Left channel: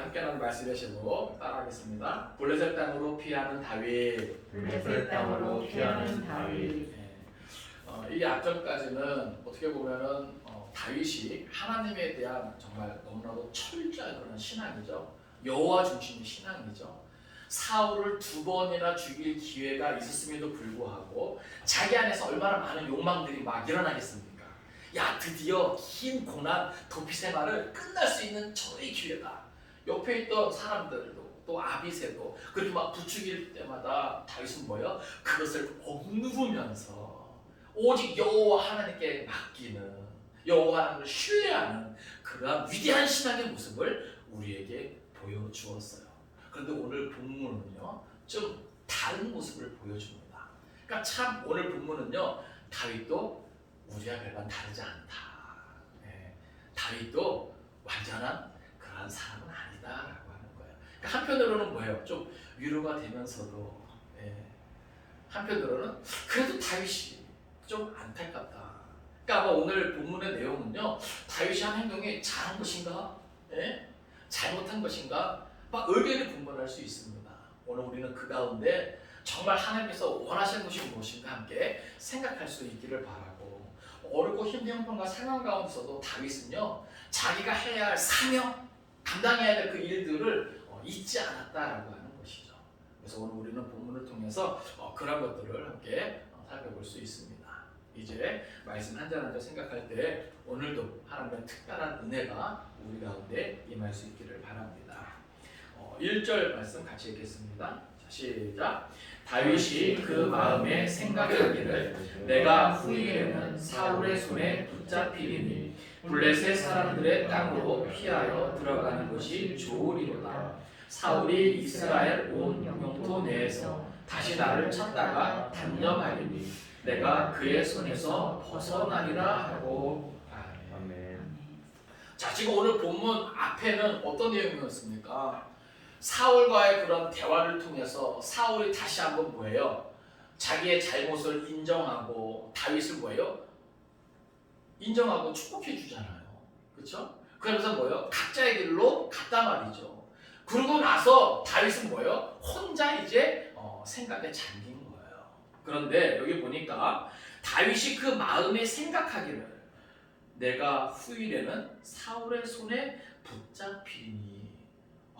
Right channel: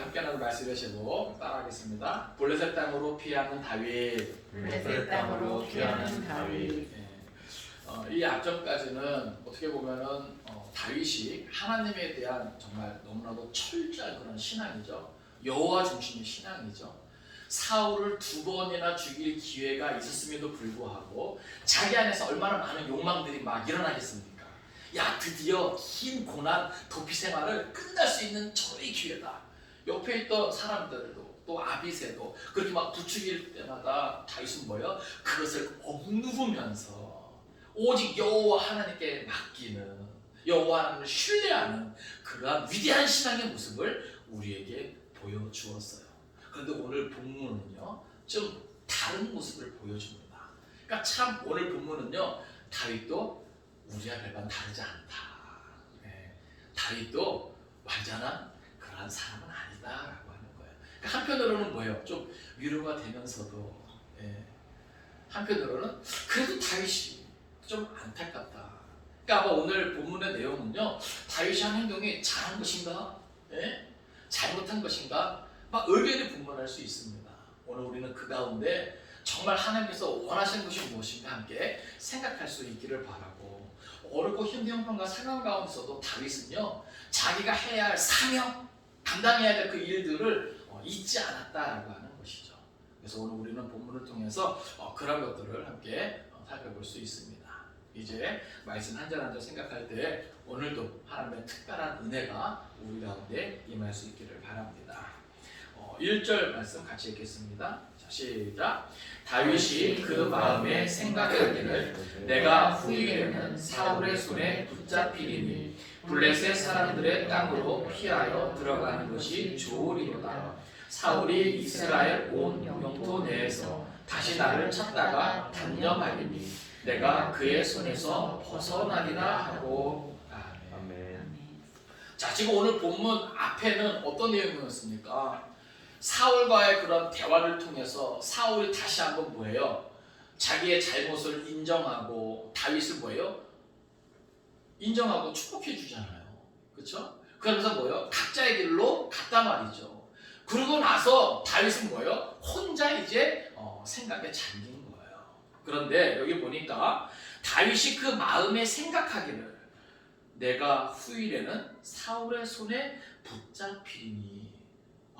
오늘 함께 나눌 말씀의 제목 따라하겠습니다. 블레셋 땅으로 피하는 다윗. 블레셋 땅으로 피하는 다윗. 이 앞전까지는 어떻게 보면은 다윗이 하나님에 대한 정말 너무나도 철저한 그런 신앙이죠. 여호와 중심의 신앙이죠. 사울을 2번이나 죽일 기회가 있었음에도 불구하고 자기 안에서 얼마나 많은 욕망들이 막 일어나겠습니까? 야, 드디어 긴 고난 도피 생활을 끝날 수 있는 저의 기회다. 옆에 있던 사람들도 또 아비새도 그렇게 막 부추길 때마다 다윗은 뭐예요? 그것을 억누르면서 오직 여호와 하나님께 맡기는, 여호와 하나님을 신뢰하는 그러한 위대한 신앙의 모습을 우리에게 보여주었어요. 그런데 오늘 본문은요, 좀 다른 모습을 보여줍니다. 그러니까 참 오늘 본문은요, 다윗도 우리와 별반 다르지 않다. 다윗도 완전한 그러한 사람은 아니다라고 하는 거예요. 그러니까 한편으로는 뭐예요? 좀 위로가 되면서도, 한편으로는 그래도 다윗이 좀 안타깝다. 그러니까 아마 오늘 본문의 내용은요, 다윗이 한 행동이 잘한 것인가, 잘못한 것인가, 막 의견이 분분할 수 있습니다. 오늘 우리는 그 가운데 정말 하나님께서 원하시는 것이 무엇인가 함께 생각할 수 있기를 바라고, 어렵고 힘든 형편과 상황 가운데서도 다윗은요, 자기가 해야 할 사명, 감당해야 될 그 일들을 잊지 않았다라고 하는 것이죠. 그래서 오늘 우리는 본문을 통해서 그런 것들을 함께 살펴볼 수 있습니다. 이제 말씀 한 절 한 절 생각할 때 오늘도 하나님의 특별한 은혜가 우리 가운데 임할 수 있기를 바랍니다. 1절 말씀 같이 읽겠습니다. 자, 시작. 다윗이 그 마음에 생각하기를 내가 후일에는 사울의 손에 붙잡히리니 블레셋 사람들의 땅으로 피하여 들어가는 것이 좋으리로다. 사울이 이스라엘 온 영토 내에서 다시 나를 찾다가 단념하리니 내가 그의 손에서 벗어나리라 하고. 아멘. 자, 지금 오늘 본문 앞에는 어떤 내용이었습니까? 사울과의 그런 대화를 통해서 사울이 다시 한번 뭐예요? 자기의 잘못을 인정하고 다윗을 뭐예요? 인정하고 축복해 주잖아요. 그렇죠? 그러면서 뭐예요? 각자의 길로 갔단 말이죠. 그러고 나서 다윗은 뭐예요? 혼자 이제 생각에 잠긴 거예요. 그런데 여기 보니까 다윗이 그 마음에 생각하기를 내가 후일에는 사울의 손에 붙잡히니.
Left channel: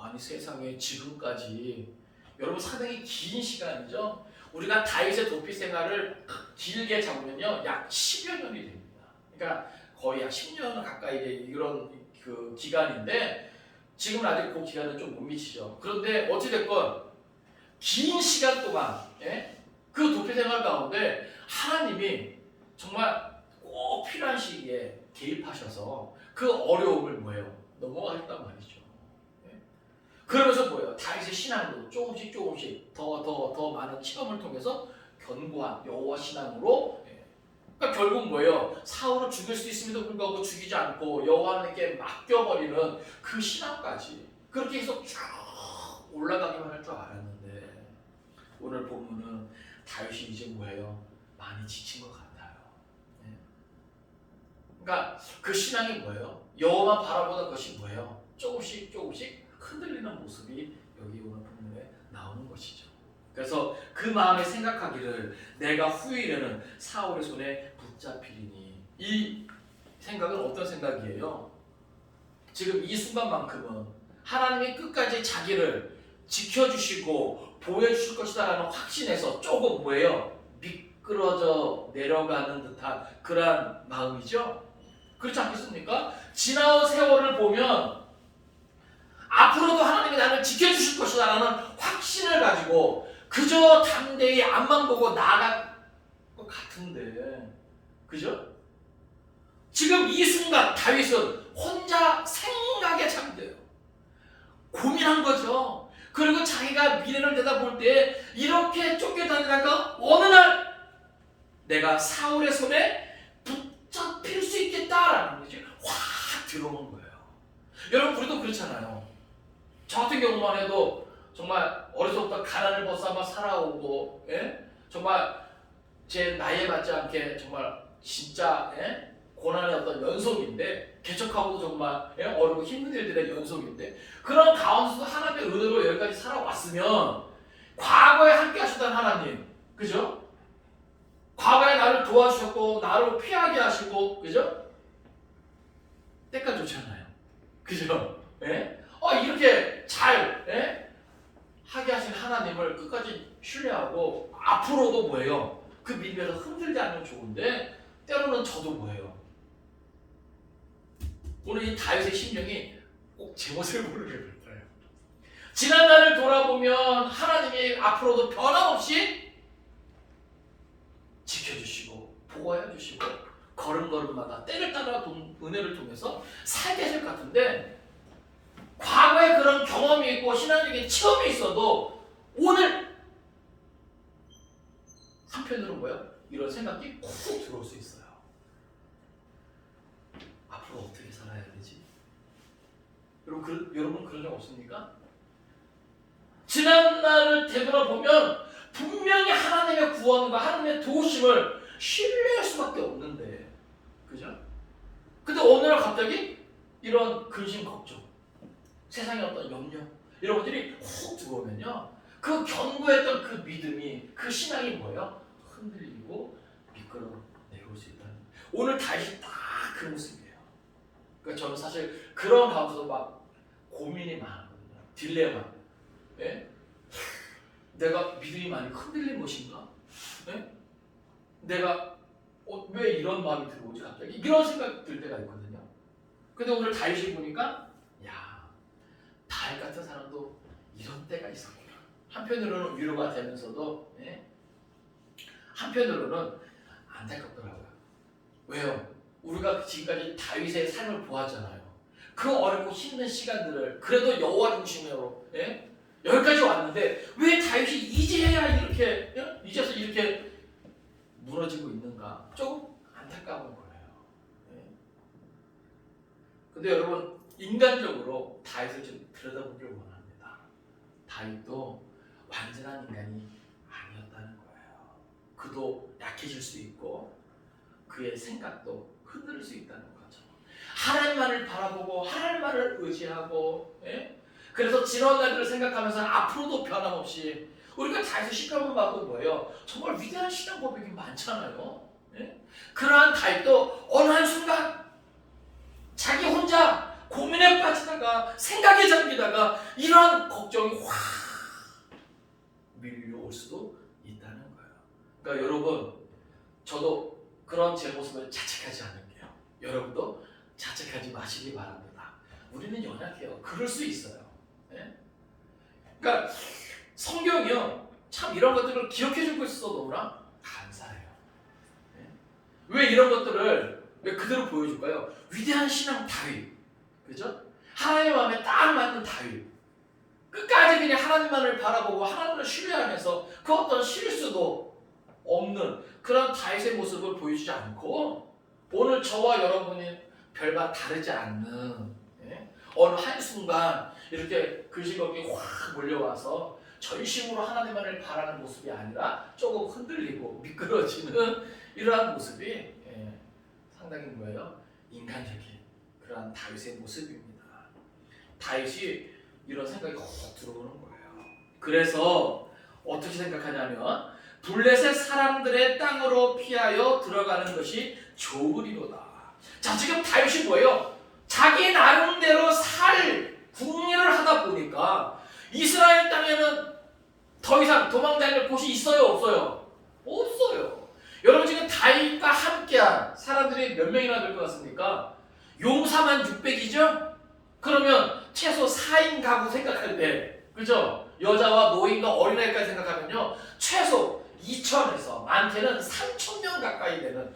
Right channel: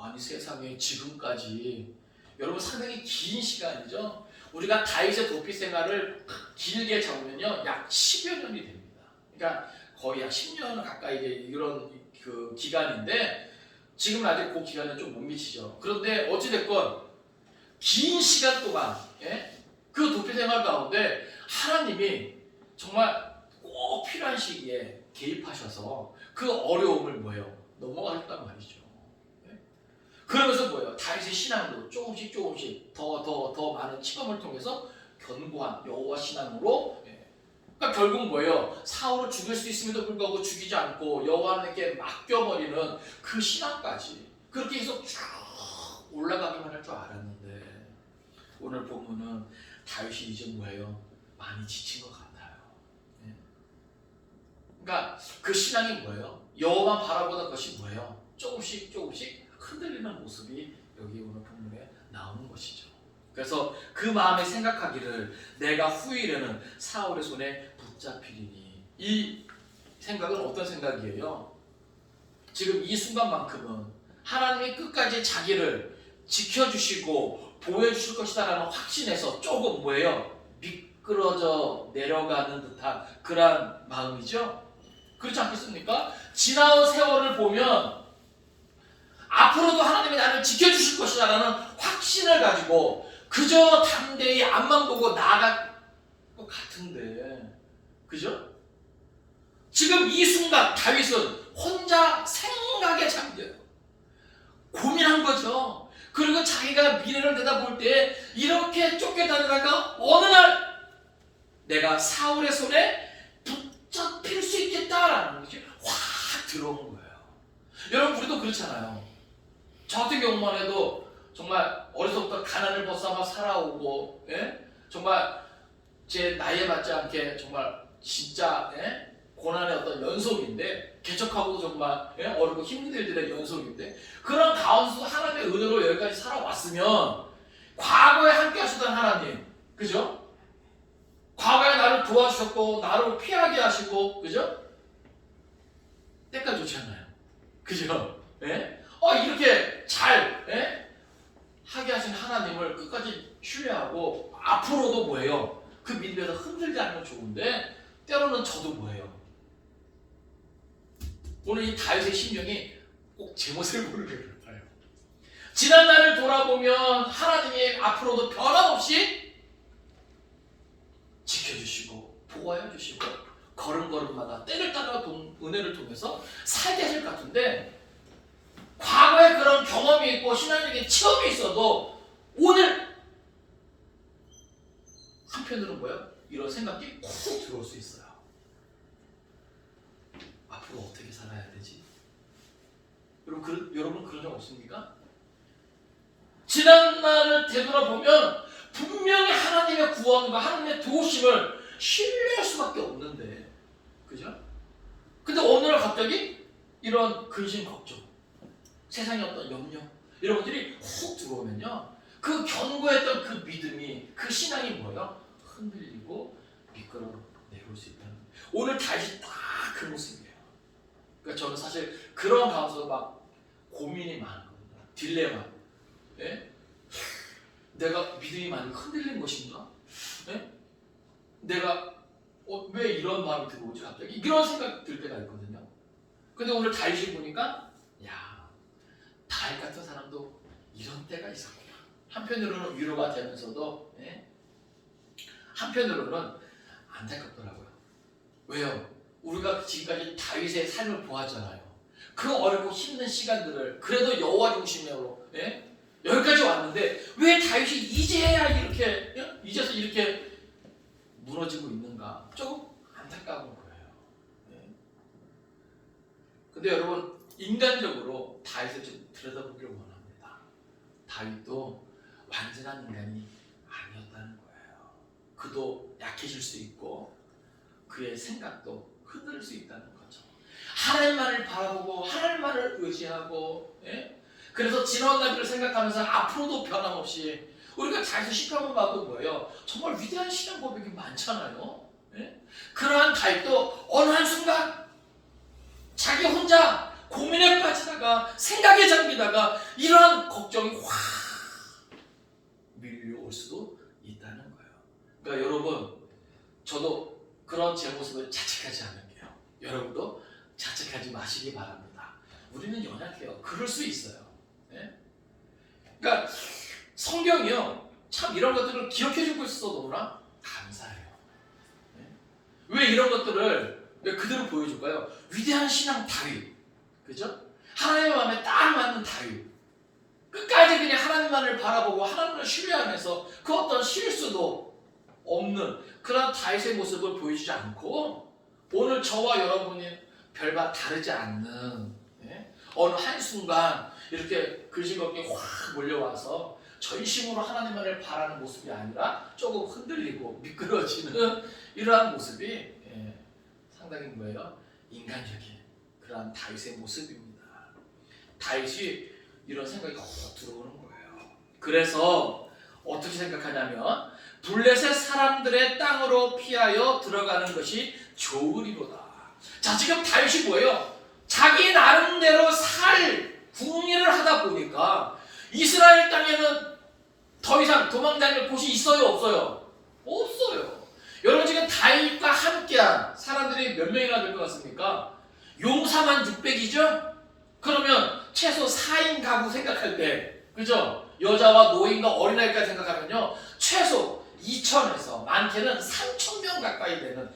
아니 세상에 지금까지 여러분 상당히 긴 시간이죠. 우리가 다윗의 도피 생활을 길게 잡으면요 약 10여 년이 됩니다. 그러니까 거의 약 10년 가까이 이런 그 기간인데 지금은 아직 그 기간은 좀 못 미치죠. 그런데 어찌됐건 긴 시간 동안 그 도피 생활 가운데 하나님이 정말 꼭 필요한 시기에 개입하셔서 그 어려움을 뭐예요? 넘어가셨단 말이죠. 그러면서 뭐예요? 다윗의 신앙으로 조금씩 더 많은 시험을 통해서 견고한 여호와 신앙으로, 그러니까 결국 뭐예요? 사울을 죽일 수 있음에도 불구하고 죽이지 않고 여호와 하나님께 맡겨버리는 그 신앙까지 그렇게 해서 쭉 올라가기만 할 줄 알았는데 오늘 본문은 다윗이 이제 뭐예요? 많이 지친 것 같아요. 그러니까 그 신앙이 뭐예요? 여호와만 바라보던 것이 뭐예요? 조금씩 흔들리는 모습이 여기 오늘 본문에 나오는 것이죠. 그래서 그 마음에 생각하기를 내가 후일에는 사울의 손에 붙잡히리니. 이 생각은 어떤 생각이에요? 지금 이 순간만큼은 하나님이 끝까지 자기를 지켜주시고 보여주실 것이다라는 확신에서 조금 뭐예요? 미끄러져 내려가는 듯한 그런 마음이죠. 그렇지 않겠습니까? 지나온 세월을 보면 앞으로도 하나님이 나를 지켜주실 것이다라는 확신을 가지고 그저 담대히 앞만 보고 나아갈 것 같은데, 그죠? 지금 이 순간 다윗은 혼자 생각에 잠겨요. 고민한 거죠. 그리고 자기가 미래를 내다볼 때 이렇게 쫓겨다니다가 어느 날 내가 사울의 손에 붙잡힐 수 있겠다라는 것이 확 들어오는 거예요. 여러분 우리도 그렇잖아요. 저 같은 경우만 해도 정말 어려서부터 가난을 벗삼아 살아오고, 정말 제 나이에 맞지 않게 정말 진짜 고난의 어떤 연속인데 개척하고도 정말 어렵고 힘든 일들의 연속인데 그런 가운데서 하나님의 은혜로 여기까지 살아왔으면 과거에 함께 하셨던 하나님, 그죠? 과거에 나를 도와주셨고 나를 피하게 하시고, 그죠? 때가 좋잖아요, 그죠? 이렇게 잘 하게 하신 하나님을 끝까지 신뢰하고 앞으로도 뭐예요? 그 믿음에서 흔들지 않으면 좋은데 때로는 저도 뭐예요? 오늘 이 다윗의 심정이 꼭 제 모습을 모르게 같아요. 지난 날을 돌아보면 하나님이 앞으로도 변함없이 지켜주시고 보호해 주시고 걸음걸음마다 때를 따라 은혜를 통해서 살게 하실 것 같은데 과거에 그런 경험이 있고 신앙적인 체험이 있어도 오늘 한편으로는 뭐야? 이런 생각이 콕 들어올 수 있어요. 앞으로 어떻게 살아야 되지? 여러분 그런 적 없습니까? 지난 날을 되돌아보면 분명히 하나님의 구원과 하나님의 도우심을 신뢰할 수밖에 없는데, 그죠? 근데 어느 날 갑자기 이런 근심 걱정, 세상의 어떤 염려 이런 것들이 훅 들어오면요, 그 견고했던 그 믿음이, 그 신앙이 뭐예요? 흔들리고 미끄러 내려올 수 있다는. 오늘 다시 딱 그 모습이에요. 그러니까 저는 사실 그런 가운데서 막 고민이 많거든요. 딜레마. 내가 믿음이 많이 흔들린 것인가? 내가 왜 이런 마음이 들어오지 갑자기? 이런 생각 들 때가 있거든요. 근데 오늘 다윗을 보니까 야, 다윗 같은 사람도 이런 때가 있었구나. 한편으로는 위로가 되면서도 한편으로는 안타깝더라고요. 왜요? 우리가 지금까지 다윗의 삶을 보았잖아요. 그 어렵고 힘든 시간들을 그래도 여호와 중심으로 여기까지 왔는데 왜 다윗이 이제야 이제서 이렇게 무너지고 있는가? 조금 안타까운 거예요. 근데 여러분, 인간적으로 다윗을 좀 들여다보길 원합니다. 다윗도 완전한 인간이 아니었다는 거예요. 그도 약해질 수 있고 그의 생각도 흔들릴 수 있다는 거죠. 하나님만을 바라보고 하나님만을 의지하고 그래서 지난 날들을 생각하면서 앞으로도 변함없이 우리가 다윗의 시간을 봐도 뭐예요? 정말 위대한 신앙 고백이 많잖아요. 그러한 다윗도 어느 한순간 자기 혼자 고민에 빠지다가 생각에 잠기다가 이러한 걱정이 확 밀려올 수도 있다는 거예요. 그러니까 여러분, 저도 그런 제 모습을 자책하지 않을게요. 여러분도 자책하지 마시기 바랍니다. 우리는 연약해요. 그럴 수 있어요. 그러니까 성경이요, 참 이런 것들을 기억해주고 있어서 너무나 감사해요. 왜 이런 것들을 왜 그대로 보여줄까요? 위대한 신앙 다윗, 그죠? 하나님의 마음에 딱 맞는 다윗, 끝까지 그냥 하나님만을 바라보고 하나님을 신뢰하면서 그 어떤 실수도 없는 그런 다윗의 모습을 보여주지 않고 오늘 저와 여러분이 별반 다르지 않는 어느 한순간 이렇게 근심걱정이 확 몰려와서 전심으로 하나님만을 바라는 모습이 아니라 조금 흔들리고 미끄러지는 이러한 모습이 상당히 뭐예요? 인간적인 그러한 다윗의 모습입니다. 다윗이 이런 생각이 확 들어오는 거예요. 그래서 어떻게 생각하냐면 블레셋 사람들의 땅으로 피하여 들어가는 것이 좋으리로다. 자, 지금 다윗이 뭐예요? 자기 나름대로 살 궁리를 하다 보니까 이스라엘 땅에는 더 이상 도망 다닐 곳이 있어요, 없어요? 없어요. 여러분, 지금 다윗과 함께한 사람들이 몇 명이나 될 것 같습니까? 용사만 600이죠? 그러면 최소 4인 가구 생각할 때, 그죠? 여자와 노인과 어린아이까지 생각하면요, 최소 2,000에서 많게는 3,000명 가까이 되는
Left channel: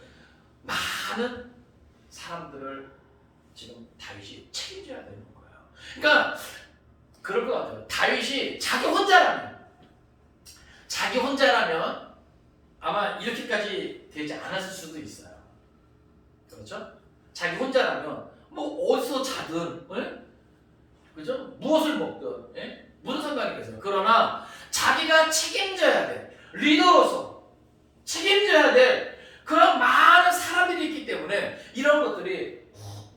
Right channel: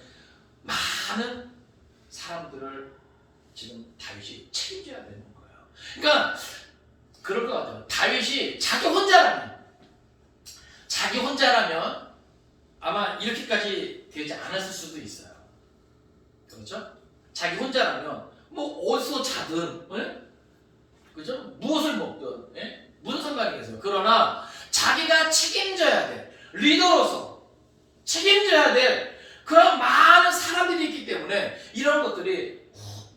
많은 사람들을 지금 다윗이 책임져야 되는 거예요. 그러니까 그럴 것 같아요. 다윗이 자기 혼자라면 아마 이렇게까지 되지 않았을 수도 있어요. 그렇죠? 자기 혼자라면 뭐 어디서 자든, 그죠? 무엇을 먹든, 무슨 상관이겠어요. 그러나 자기가 책임져야 돼. 리더로서 책임져야 돼. 그런 많은 사람들이 있기 때문에 이런 것들이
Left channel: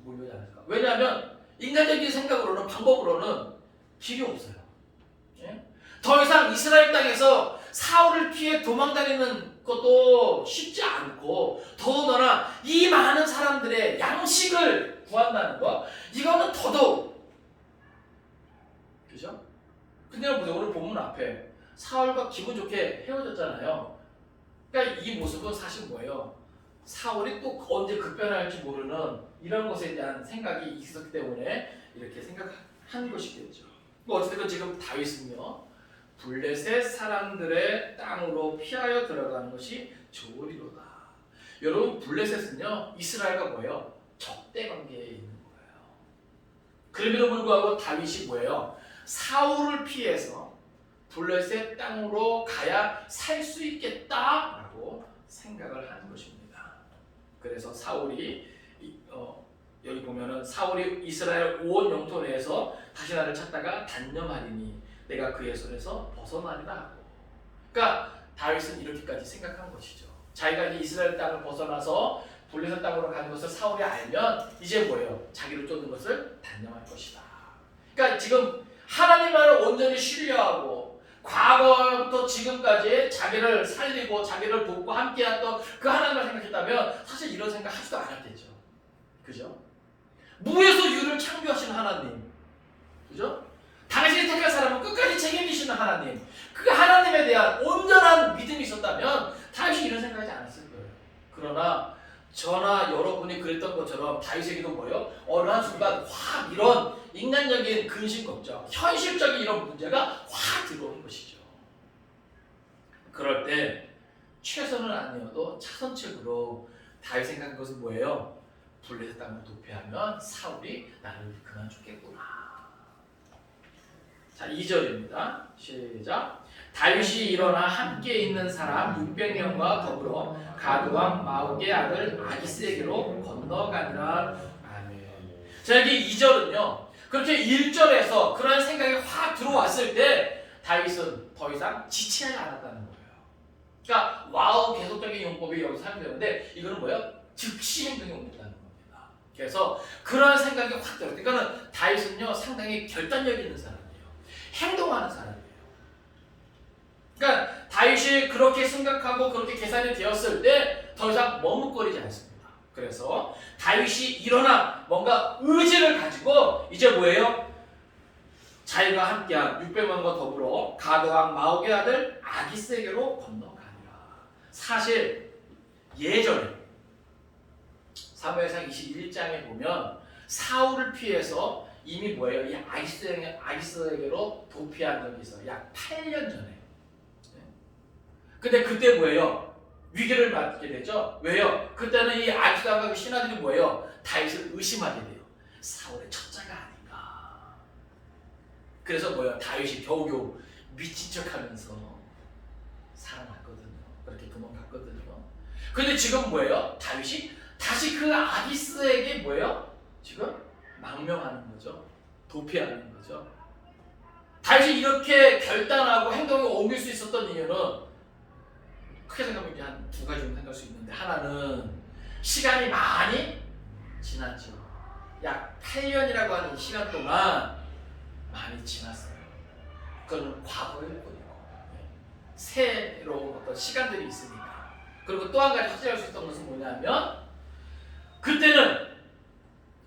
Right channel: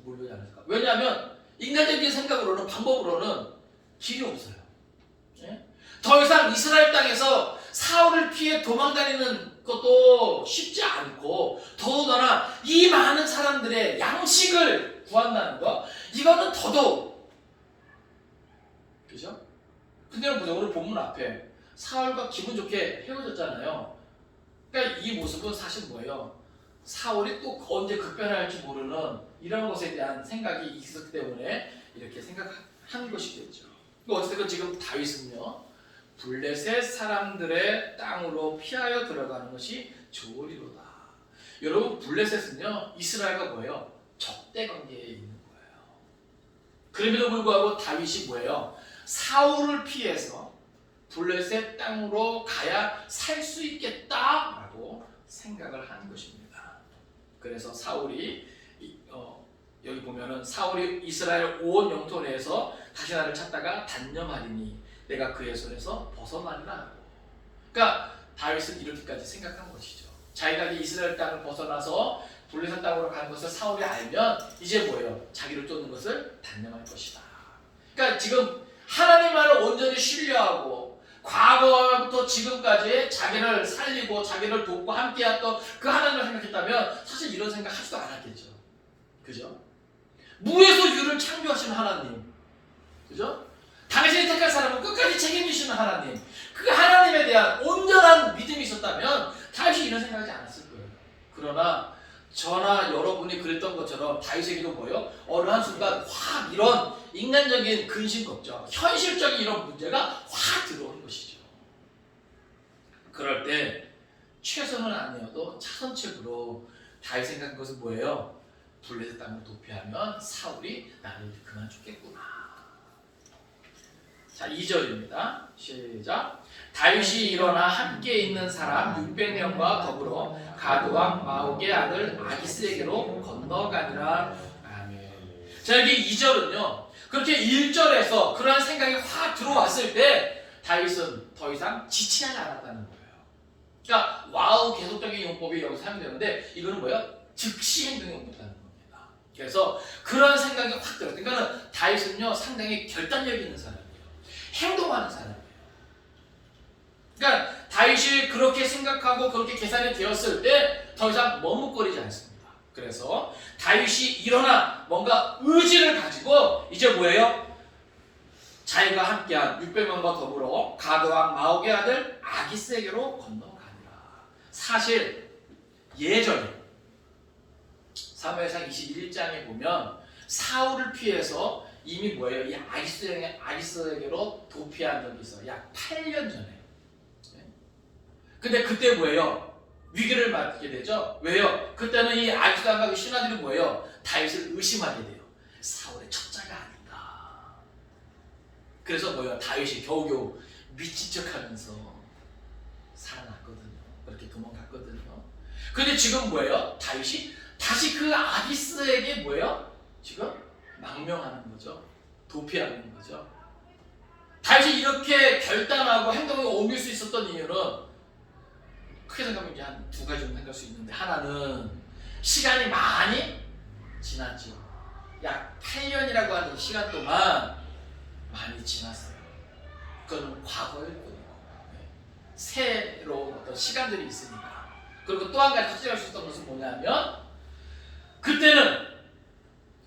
몰려오지 않을까? 왜냐하면 인간적인 생각으로는 방법으로는 길이 없어요. 예? 더 이상 이스라엘 땅에서 사울을 피해 도망다니는 것도 쉽지 않고 더더나 이 많은 사람들의 양식을 구한다는 거 이거는 더더욱 그죠? 근데 여러분 오늘 본문 앞에 사울과 기분 좋게 헤어졌잖아요. 그러니까 이 모습은 사실 뭐예요? 사울이 또 언제 급변할지 모르는 이런 것에 대한 생각이 있었기 때문에 이렇게 생각한 것이겠죠. 어쨌든 지금 다윗은요 블레셋 사람들의 땅으로 피하여 들어가는 것이 좋으리로다. 여러분 블레셋은요 이스라엘과 뭐예요? 적대 관계에 있는 거예요. 그럼에도 불구하고 다윗이 뭐예요? 사울을 피해서 블레셋 땅으로 가야 살 수 있겠다라고 생각을 한 것입니다. 그래서 사울이 여기 보면은 사울이 이스라엘 온 영토 내에서 다시 나를 찾다가 단념하리니 내가 그의 손에서 벗어나리라 하고. 그러니까 다윗은 이렇게까지 생각한 것이죠. 자기가 이제 이스라엘 땅을 벗어나서 블레셋 땅으로 가는 것을 사울이 알면 이제 뭐예요? 자기를 쫓는 것을 단념할 것이다. 그러니까 지금 하나님만을 온전히 신뢰하고 과거부터 지금까지 자기를 살리고 자기를 돕고 함께했던 그 하나님을 생각했다면 사실 이런 생각 하지도 않았겠죠. 그죠? 무에서 유를 창조하시는 하나님. 그죠? 당신이 택할 사람은 끝까지 책임지시는 하나님. 그 하나님에 대한 온전한 믿음이 있었다면 다윗이 이런 생각하지 않았을 거예요. 그러나 저나 여러분이 그랬던 것처럼 다윗에게도 뭐예요? 어느 한순간 확 이런 인간적인 근심 걱정, 현실적인 이런 문제가 확 들어오는 것이죠. 그럴 때 최선은 아니어도 차선책으로 다윗 생각한 것은 뭐예요? 블레셋 땅을 도피하면 사울이 나를 그만 죽겠구나. 자, 2절입니다. 시작. 다윗이 일어나 함께 있는 사람 600명과 더불어 가드왕 마옥의 아들 아기스에게로 건너가니라. 아멘. 자, 여기 2절은요. 그렇게 1절에서 그러한 생각이 확 들어왔을 때 다윗은 더 이상 지체하지 않았다는 거예요. 그러니까 와우 계속적인 용법이 여기서 사용되는데 이거는 뭐예요? 즉시 행동에 옮겼다는 겁니다. 그래서 그런 생각이 확 들어요. 그러니까 다윗은요 상당히 결단력 있는 사람이에요. 행동하는 사람이에요. 그러니까 다윗이 그렇게 생각하고 그렇게 계산이 되었을 때 더 이상 머뭇거리지 않습니다. 그래서 다윗이 일어나 뭔가 의지를 가지고 이제 뭐예요? 자기가 함께한 600명과 더불어 가드왕 마옥의 아들 아기스에게로 건너가니라. 사실 예전에 사무엘상 21장에 보면 사울을 피해서 이미 뭐예요? 이 아기스에게로 도피한 적이 있어요. 약 8년 전에. 근데 그때 뭐예요? 위기를 맞게 되죠. 왜요? 그때는 이 아기스와 그 신하들이 뭐예요? 다윗을 의심하게 돼요. 사울의 첩자가 아닌가. 그래서 뭐예요? 다윗이 겨우겨우 미친 척하면서 살아났거든요. 그렇게 도망갔거든요. 근데 지금 뭐예요? 다윗이 다시 그 아기스에게 뭐예요? 지금 망명하는 거죠. 도피하는 거죠. 다윗이 이렇게 결단하고 행동을 옮길 수 있었던 이유는 크게 생각하면 한 두 가지 정도 생각할 수 있는데, 하나는 시간이 많이 지났죠. 약 8년이라고 하는 시간 동안 많이 지났어요. 그건 과거일 뿐이고 새로운 어떤 시간들이 있으니까. 그리고 또 한 가지 확실할 수 있던 것은 뭐냐면, 그때는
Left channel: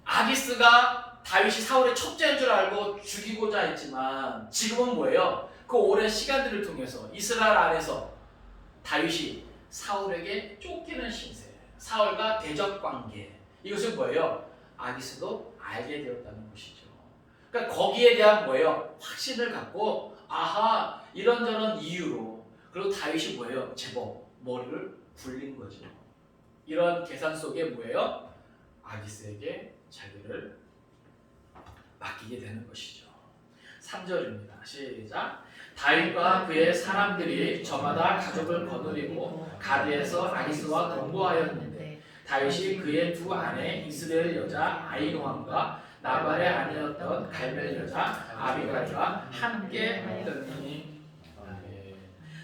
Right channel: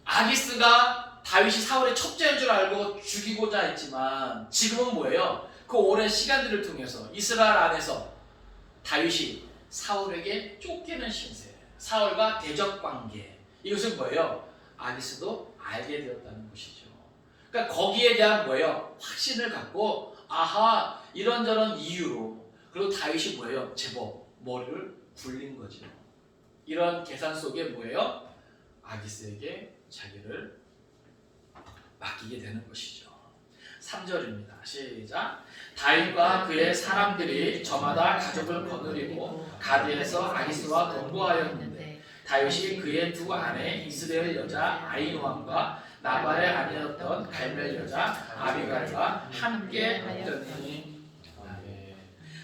아기스가 다윗이 사울의 첩자인 줄 알고 죽이고자 했지만, 지금은 뭐예요? 그 오랜 시간들을 통해서 이스라엘 안에서 다윗이 사울에게 쫓기는 신세, 사울과 대적 관계, 이것은 뭐예요? 아기스도 알게 되었다는 것이죠. 그러니까 거기에 대한 뭐예요? 확신을 갖고, 아하, 이런저런 이유로, 그리고 다윗이 뭐예요? 제법 머리를 굴린 거죠. 이런 계산 속에 뭐예요? 아기스에게 자기를 맡기게 되는 것이죠. 3절입니다. 시작. 다윗과 그의 사람들이 저마다 가족을 거느리고 가드에서 아기스와 동거하였는데, 다윗이 그의 두 아내 이스라엘 여자 아히노함과 나발의 아내였던 갈멜 여자 아비갈과 함께 하였더니.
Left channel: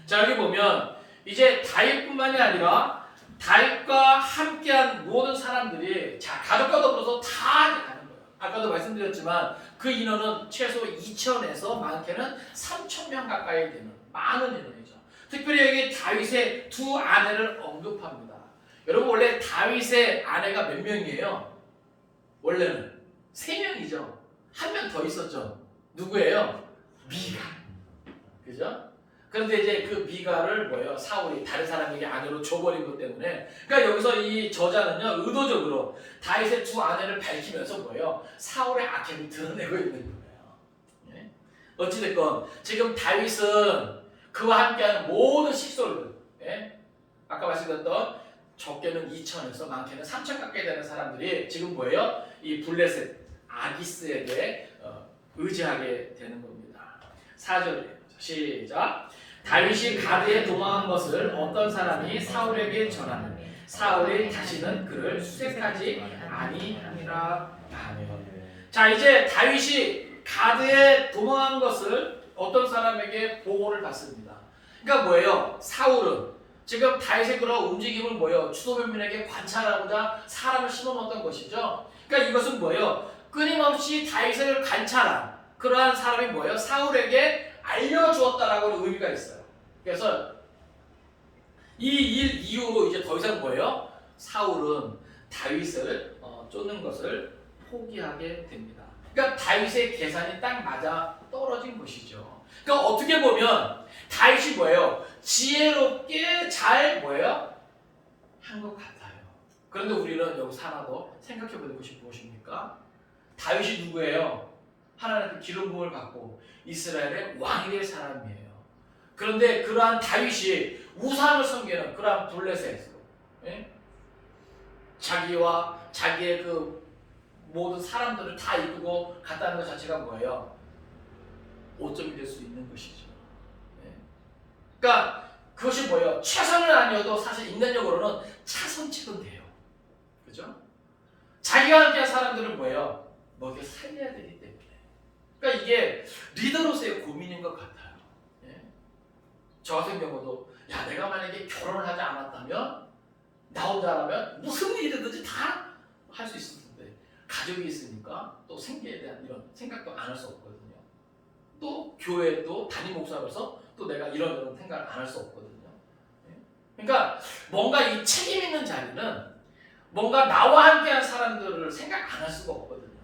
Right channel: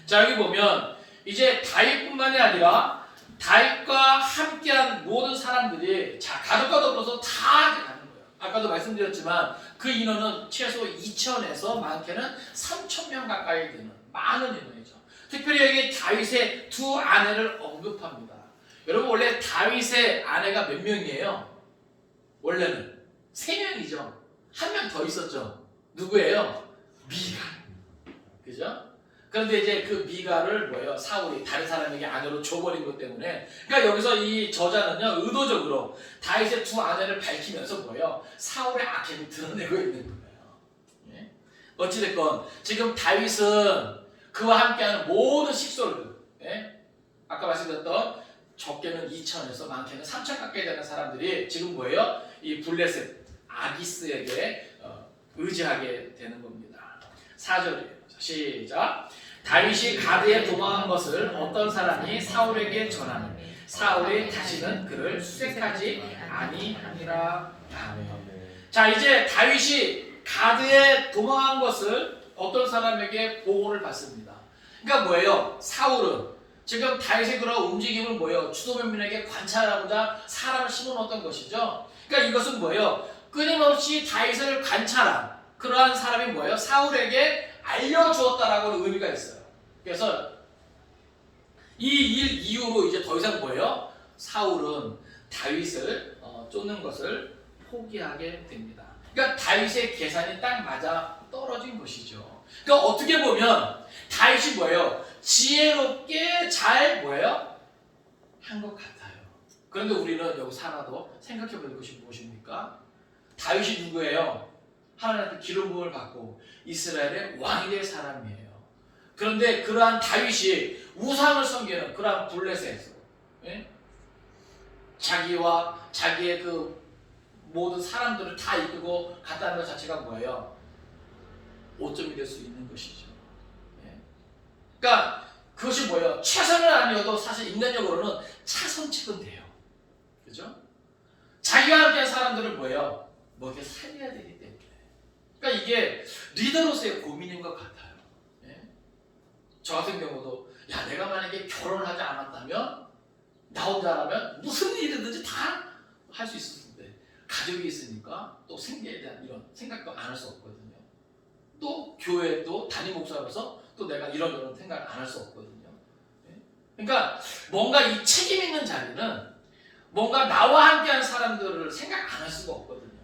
자, 여기 보면 이제 다윗뿐만이 아니라 다윗과 함께한 모든 사람들이 자 가족과 더불어서 다 이제 가는 거예요. 아까도 말씀드렸지만 그 인원은 최소 2,000에서 많게는 3,000명 가까이 되는 많은 인원이죠. 특별히 여기 다윗의 두 아내를 언급합니다. 여러분 원래 다윗의 아내가 몇 명이에요? 원래는 3명이죠. 한 명 더 있었죠. 누구예요? 미가. 그죠? 그런데 이제 그 미가를 뭐예요? 사울이 다른 사람에게 아내로 줘버린 것 때문에 그러니까 여기서 이 저자는요 의도적으로 다윗의 두 아내를 밝히면서 뭐예요? 사울의 악행을 드러내고 있는 거예요. 예? 어찌됐건 지금 다윗은 그와 함께하는 모든 식솔들 예? 아까 말씀드렸던 적게는 2,000에서 많게는 3,000 가까이 되는 사람들이 지금 뭐예요? 이 블레셋 아기스에게 의지하게 되는 겁니다. 4절이에요. 시작. 다윗이 가드에 도망한 것을 어떤 사람이 사울에게 전하니 사울이 다시는 그를 수색하지 아니하니라. 아멘. 자 이제 다윗이 가드에 도망한 것을 어떤 사람에게 보고를 받습니다. 그러니까 뭐예요? 사울은 지금 다윗의 그런 움직임을 뭐예요? 추도면민에게 관찰하고자 사람을 심어놓았던 것이죠. 그러니까 이것은 뭐예요? 끊임없이 다윗을 관찰한 그러한 사람이 뭐예요? 사울에게 알려주었다라고 의미가 있어요. 그래서 이 일 이후로 이제 더 이상 뭐예요? 사울은 다윗을 쫓는 것을 포기하게 됩니다. 그러니까 다윗의 계산이 딱 맞아 떨어진 것이죠. 그러니까 어떻게 보면 다윗이 뭐예요? 지혜롭게 잘 뭐예요? 한 것 같아요. 그런데 우리는 여기서 하나 더 생각해 볼 것이 무엇입니까? 다윗이 누구예요? 하나님께 기름 부음을 받고 이스라엘의 왕이 될 사람이에요. 그런데 그러한 다윗이 우상을 섬기는 그러한 블레셋 예? 자기와 자기의 그 모든 사람들을 다 이끌고 갔다는 것 자체가 뭐예요? 오점이 될 수 있는 것이죠. 예? 그러니까 그것이 뭐예요? 최선은 아니어도 사실 인간적으로는 차선책은 돼요. 그죠? 자기와 함께한 사람들은 뭐예요? 먹여 살려야 되기 때문에. 그러니까 이게 리더로서의 고민인 것 같아요. 예? 저 같은 경우도 야 내가 만약에 결혼을 하지 않았다면 나 혼자라면 무슨 일이든지 다 할 수 있었을 텐데 가족이 있으니까 또 생계에 대한 이런 생각도 안 할 수 없거든요. 또 교회 또 담임 목사로서 또 내가 이런 생각을 안 할 수 없거든요. 예? 그러니까 뭔가 이 책임 있는 자리는 뭔가 나와 함께한 사람들을 생각 안 할 수가 없거든요.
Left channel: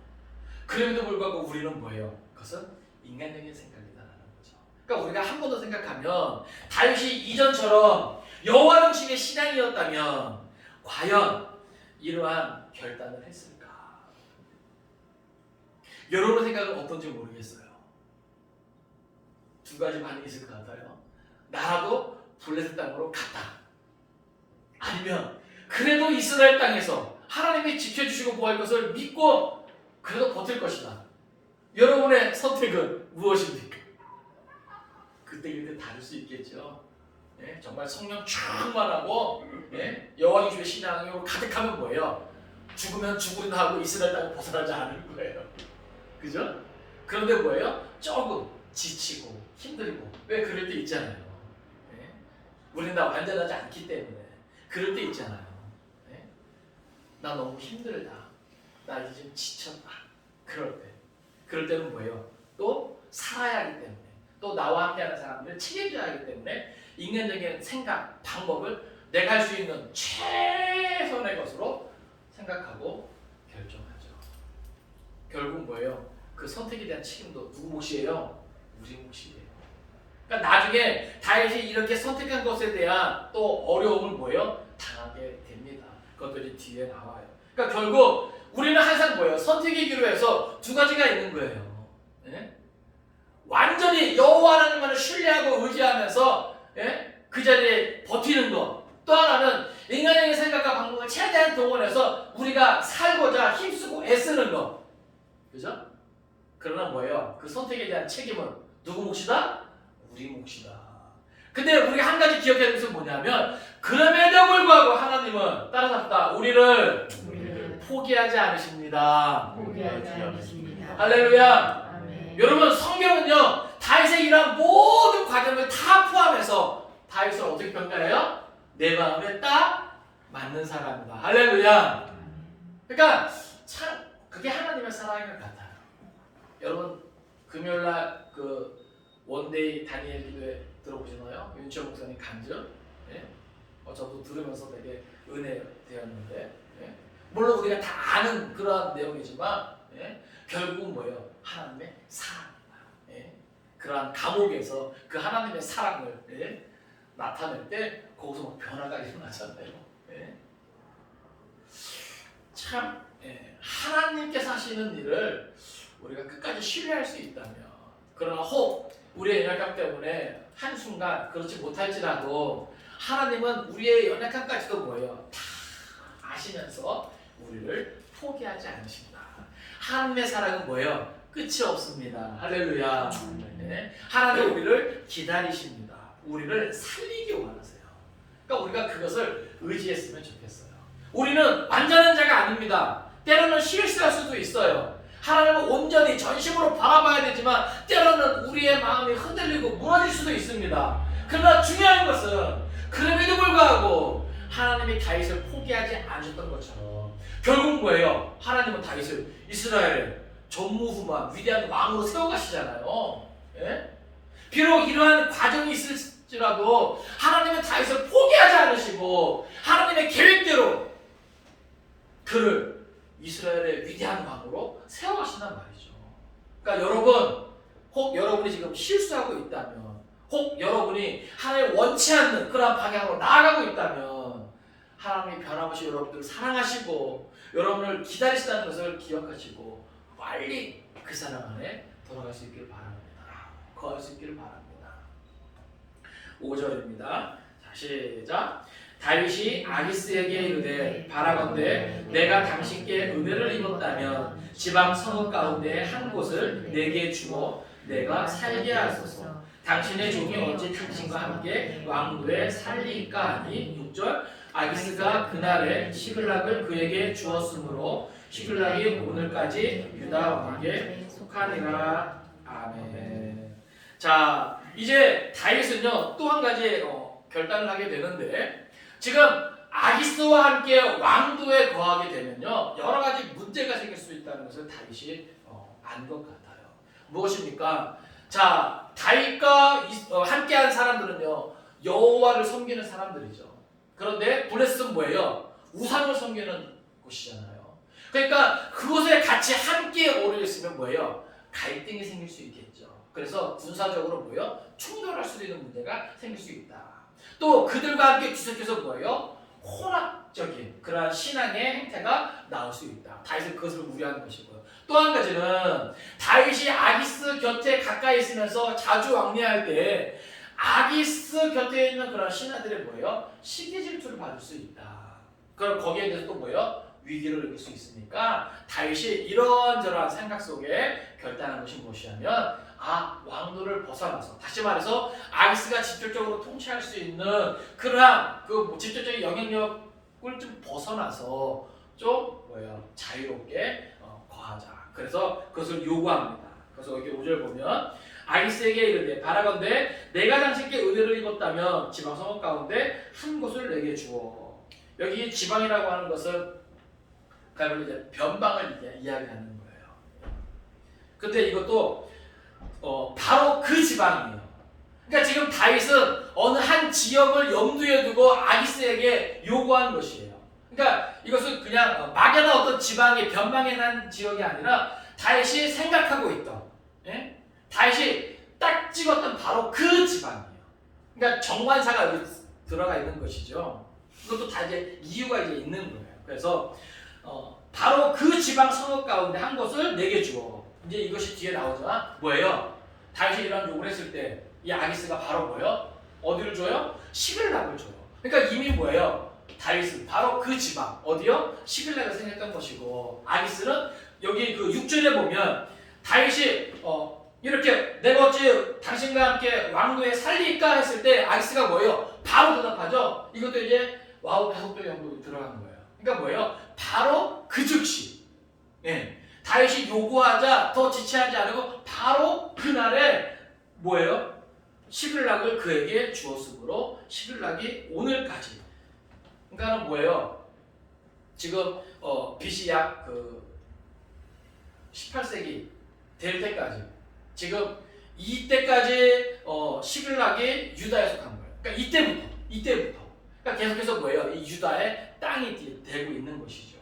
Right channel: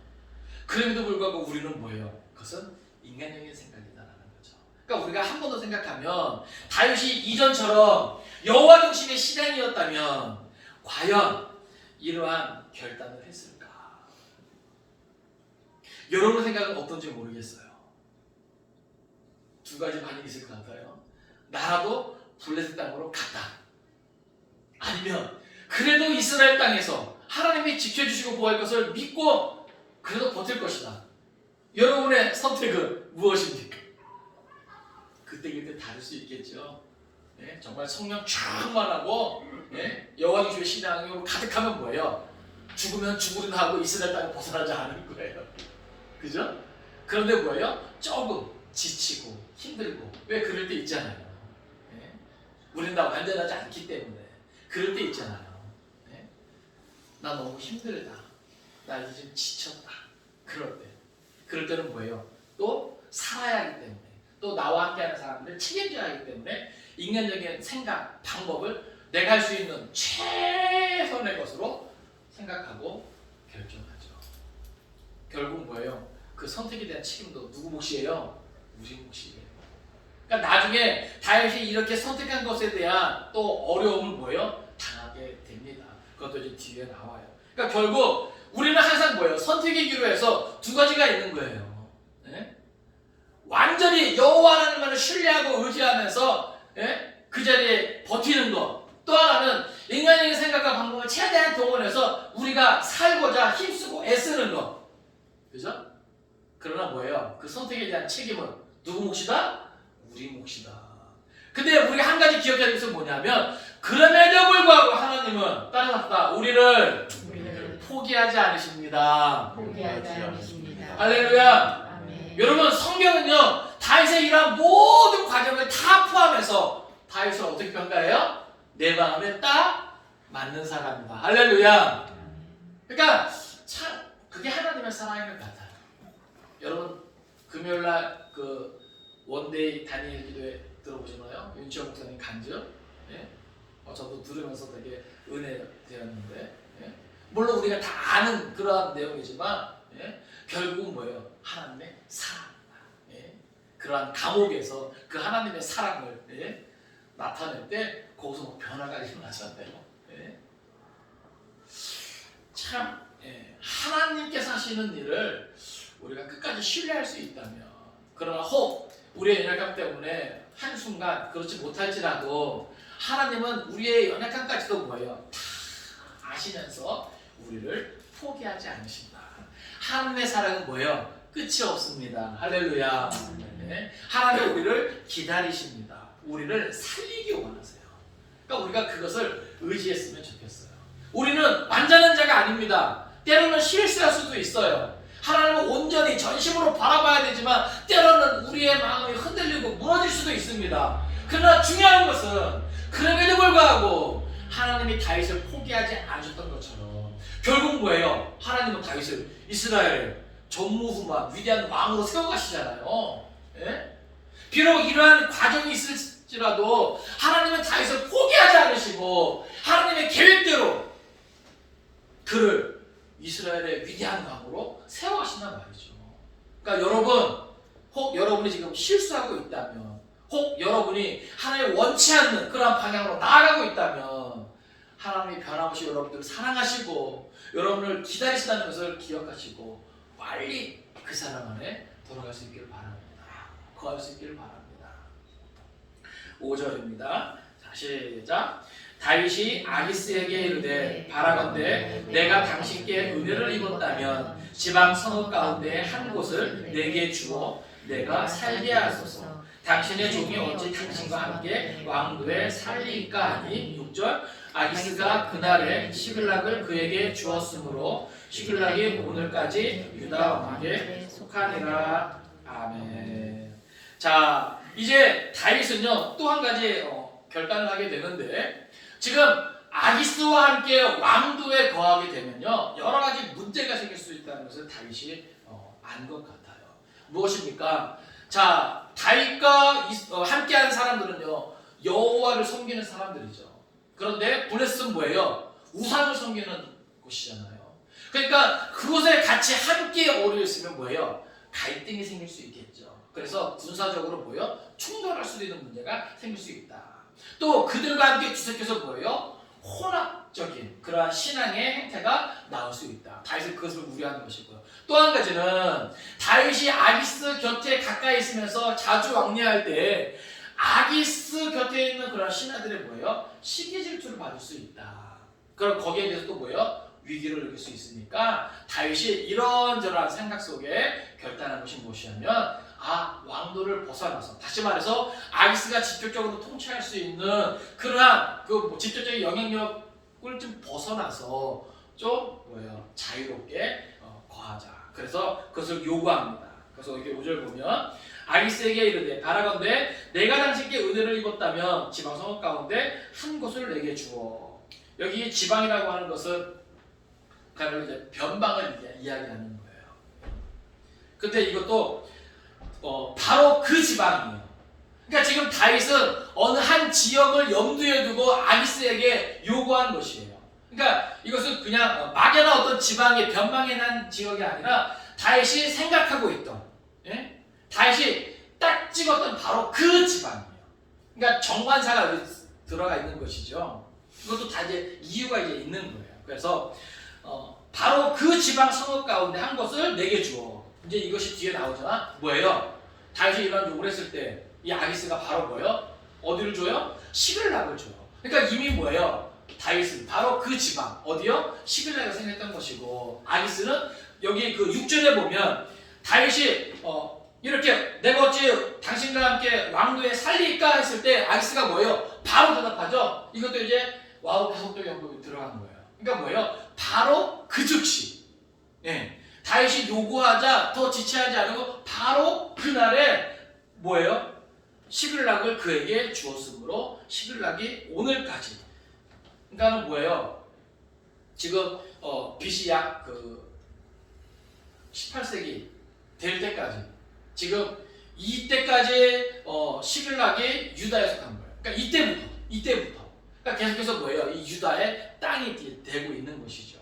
그럼에도 불구하고 우리는 뭐예요? 그것은 인간적인 생각이다라는 거죠. 그러니까 우리가 한 번 더 생각하면 다윗이 이전처럼 여호와 중심의 신앙이었다면 과연 이러한 결단을 했을까? 여러분의 생각은 어떤지 모르겠어요. 두 가지 반응이 있을 것 같아요. 나라도 블레셋 땅으로 갔다. 아니면 그래도 이스라엘 땅에서 하나님이 지켜주시고 보호할 것을 믿고 그래도 버틸 것이다. 여러분의 선택은 무엇입니까? 그때 다를 수 있겠죠. 예? 정말 성령 충만하고 예? 여호와 중심의 신앙으로 가득하면 뭐예요? 죽으면 죽으리나 하고 이스라엘 땅을 벗어나지 않을 거예요. 그죠? 그런데 뭐예요? 조금 지치고 힘들고 왜 그럴 때 있잖아요. 예? 우리는 다 완전하지 않기 때문에 그럴 때 있잖아요. 예? 나 너무 힘들다. 나 이제 좀 지쳤다. 그럴 때는 뭐예요? 또 살아야 하기 때문에 또 나와 함께하는 사람들을 책임져야 하기 때문에 인간적인 생각, 방법을 내가 할 수 있는 최선의 것으로 생각하고 결정하죠. 결국 뭐예요? 그 선택에 대한 책임도 누구 몫이에요? 우리 몫이에요. 그러니까 나중에 다윗이 이렇게 선택한 것에 대한 또 어려움은 뭐예요? 당하게 됩니다. 그것도 이제 뒤에 나와요. 그러니까 결국 우리는 항상 뭐예요? 선택의 기로 해서 두 가지가 있는 거예요. 네? 완전히 여호와 하나님을 신뢰하고 의지하면서 예? 그 자리에 버티는 것. 또 하나는 인간적인 생각과 방법을 최대한 동원해서 우리가 살고자 힘쓰고 애쓰는 것. 그죠? 그러나 뭐예요? 그 선택에 대한 책임은 누구 몫이다? 우리 몫이다. 근데 우리가 한 가지 기억해야 될 것은 뭐냐면 그럼에도 불구하고 하나님은 따라잡다 우리를 포기하지 않으십니다. 포기하지 않으십니다. 할렐루야. 아멘. 여러분 성경은요 다윗의 이러한 모든 과정을 다 포함해서 다윗을 어떻게 평가해요? 내 마음에 딱 않는 사람이다. 할렐루야. 그러니까 참 그게 하나님의 사랑인 것 같아요. 여러분 금요일날 그 원데이 다니엘 기도회 들어보시나요? 윤치호 목사님 간증. 예? 저도 들으면서 되게 은혜되었는데, 예? 물론 우리가 다 아는 그러한 내용이지만, 예? 결국은 뭐예요? 하나님의 사랑이다. 예? 그러한 감옥에서 그 하나님의 사랑을, 예? 나타낼 때 거기서 뭐 변화가 일어나잖아요. 예? 참, 예. 하나님께서 하시는 일을 우리가 끝까지 신뢰할 수 있다면, 그러나 혹 우리의 연약함 때문에 한순간 그렇지 못할지라도 하나님은 우리의 연약함까지도 뭐예요? 다 아시면서 우리를 포기하지 않으신다. 하나님의 사랑은 뭐예요? 끝이 없습니다. 할렐루야. 네. 하나님 우리를 기다리십니다. 우리를 살리기 원하세요. 그러니까 우리가 그것을 의지했으면 좋겠어요. 우리는 완전한 자가 아닙니다. 때로는 실수할 수도 있어요. 하나님을 온전히 전심으로 바라봐야 되지만 때로는 우리의 마음이 흔들리고 무너질 수도 있습니다. 그러나 중요한 것은 그럼에도 불구하고 하나님이 다윗을 포기하지 않으셨던 것처럼 결국 뭐예요? 하나님은 다윗을 이스라엘의 전무후무한 위대한 왕으로 세워가시잖아요. 예? 비록 이러한 과정이 있을지라도 하나님은 다윗을 포기하지 않으시고 하나님의 계획대로 그를 이스라엘의 위대한 왕으로 세워가신단 말이죠. 그러니까 여러분, 혹 여러분이 지금 실수하고 있다면, 혹 여러분이 하나님 원치 않는 그러한 방향으로 나아가고 있다면 하나님이 변함없이 여러분들을 사랑하시고 여러분을 기다리신다는 것을 기억하시고 빨리 그 사랑 안에 돌아갈 수 있기를 바랍니다. 거할 수 있기를 바랍니다. 5절입니다. 자, 시작. 다윗이 아기스에게 이르되 바라건대 내가 당신께 은혜를 입었다면 지방 성읍 가운데 한 곳을 내게 주어 내가 살게 하소서. 당신의 종이 어찌 당신과 함께 왕도에 살리이까 하니. 6절. 아기스가 그날에 시글락을 그에게 주었으므로 시글락이 오늘까지 유다 왕에게 속하니라. 아멘. 자, 이제 다윗은요 또 한 가지 결단을 하게 되는데, 지금 아기스와 함께 왕도에 거하게 되면요 여러 가지 문제가 생길 수 있다는 것을 다윗이 안 것 같아요. 무엇입니까? 자, 다윗과 함께한 사람들은요 여호와를 섬기는 사람들이죠. 그런데 블레셋은 뭐예요? 우상을 섬기는 곳이잖아요. 그러니까 그곳에 같이 함께 오려 있으면 뭐예요? 갈등이 생길 수 있겠죠. 그래서 군사적으로 뭐예요? 충돌할 수도 있는 문제가 생길 수 있다. 또 그들과 함께 뒤섞여서 뭐예요? 혼합적인 그러한 신앙의 행태가 나올 수 있다. 다윗은 그것을 우려하는 것이고요. 또 한 가지는 다윗이 아기스 곁에 가까이 있으면서 자주 왕래할 때 아기스 곁에 있는 그런 신하들의 뭐예요? 시기 질투를 받을 수 있다. 그럼 거기에 대해서 또 뭐예요? 위기를 느낄 수 있으니까 다윗이 이런저런 생각 속에 결단한 것이 무엇이냐면 왕도를 벗어나서, 다시 말해서 아기스가 직접적으로 통치할 수 있는 그러한 그 직접적인 영향력을 좀 벗어나서 좀 뭐예요? 자유롭게 거하자. 그래서 그것을 요구합니다. 그래서 여기 5절 보면 아기스에게 이르되 바라건대 내가 당신께 은혜를 입었다면 지방 성읍 가운데 한 곳을 내게 주어. 여기 지방이라고 하는 것은 그러니까 이제 변방을 이야기하는 거예요. 근데 이것도 바로 그 지방이에요. 그러니까 지금 다윗은 어느 한 지역을 염두에 두고 아기스에게 요구한 것이에요. 그러니까 이것은 그냥 막연한 어떤 지방의 변방에 난 지역이 아니라 다윗이 생각하고 있던, 예? 다윗이 딱 찍었던 바로 그 지방이에요. 그러니까 정관사가 여기 들어가 있는 것이죠. 이것도 다 이제 이유가 이제 있는 거예요. 그래서 바로 그 지방 성읍 가운데 한 곳을 내게 주어. 이제 이것이 뒤에 나오잖아. 뭐예요? 다윗이 이런 요구를 했을 때 이 아기스가 바로 뭐예요? 어디를 줘요? 시글락을 줘요. 그러니까 이미 뭐예요? 다윗은 바로 그 지방 어디요? 시글락을 생겼던 것이고, 아기스는 여기 그 6절에 보면 다윗이 이렇게 내가 어찌 당신과 함께 왕도에 살리까 했을 때 아기스가 뭐예요? 바로 대답하죠. 이것도 이제 와우 해석도 연구가 들어간 거예요. 그러니까 뭐예요? 바로 그 즉시, 예. 다윗이 요구하자 더 지체하지 않고 바로 그날에 뭐예요? 시글락을 그에게 주었으므로 시글락이 오늘까지. 그러니까는 뭐예요? 지금 BC 약 18세기 될 때까지 지금 이때까지 시글락이 유다에 속한 거예요. 그러니까 이때부터. 그러니까 계속해서 뭐예요? 이 유다의 땅이 되고 있는 것이죠.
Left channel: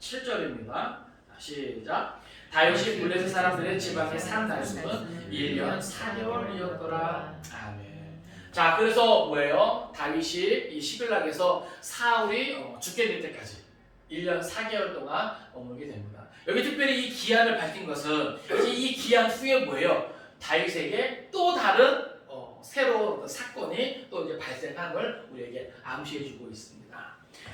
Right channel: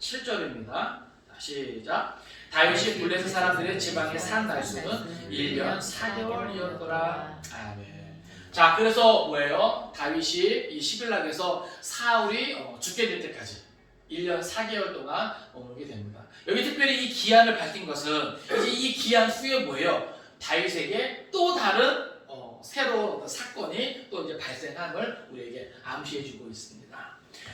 7절입니다. 시작. 다윗이 블레셋 사람들의 지방에 산 날수는 1년 4개월이었더라. 아멘. 자, 그래서 뭐예요? 다윗이 이 시글락에서 사울이 죽게 될 때까지 1년 4개월 동안 머물게 됩니다. 여기 특별히 이 기한을 밝힌 것은 이제 이 기한 후에 뭐예요? 다윗에게 또 다른 새로운 사건이 또 이제 발생함을 우리에게 암시해주고 있습니다.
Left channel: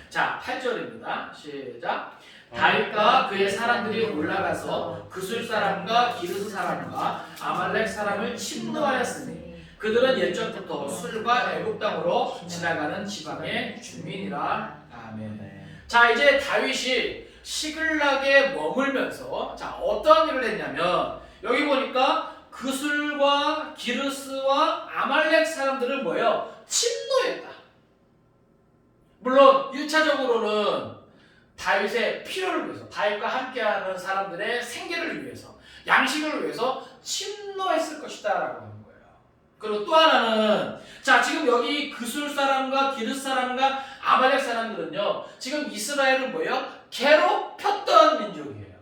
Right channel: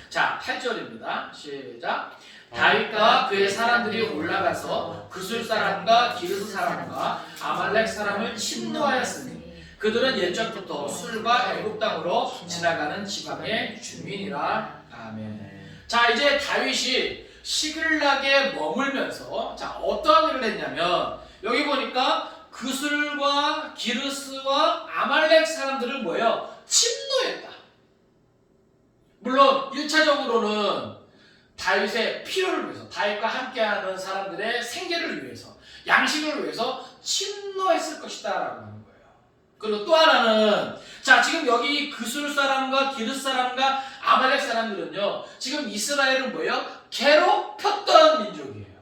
자, 8절입니다. 시작. 다윗과 그의 사람들이 올라가서 그술 사람과 기르스 사람과 아말렉 사람을 침노하였으니 그들은 옛적부터 술과 애굽 땅으로 지나가는 지방의 주민이라. 아멘. 자, 이제 다윗이 시글락에 머물면서 자, 어떠한 일을 했냐면 여기 보니까 그술과 기르스와 아말렉 사람들을 뭐예요? 침노했다. 물론 1차적으로는 다윗의 필요를 위해서, 다윗과 함께하는 사람들의 생계를 위해서, 양식을 위해서 침노했을 것이다 라고 하는 거예요. 그리고 또 하나는 자, 지금 여기 그술 사람과 기르스 사람과 아말렉 사람들은요, 지금 이스라엘은 뭐예요? 괴롭혔던 민족이에요.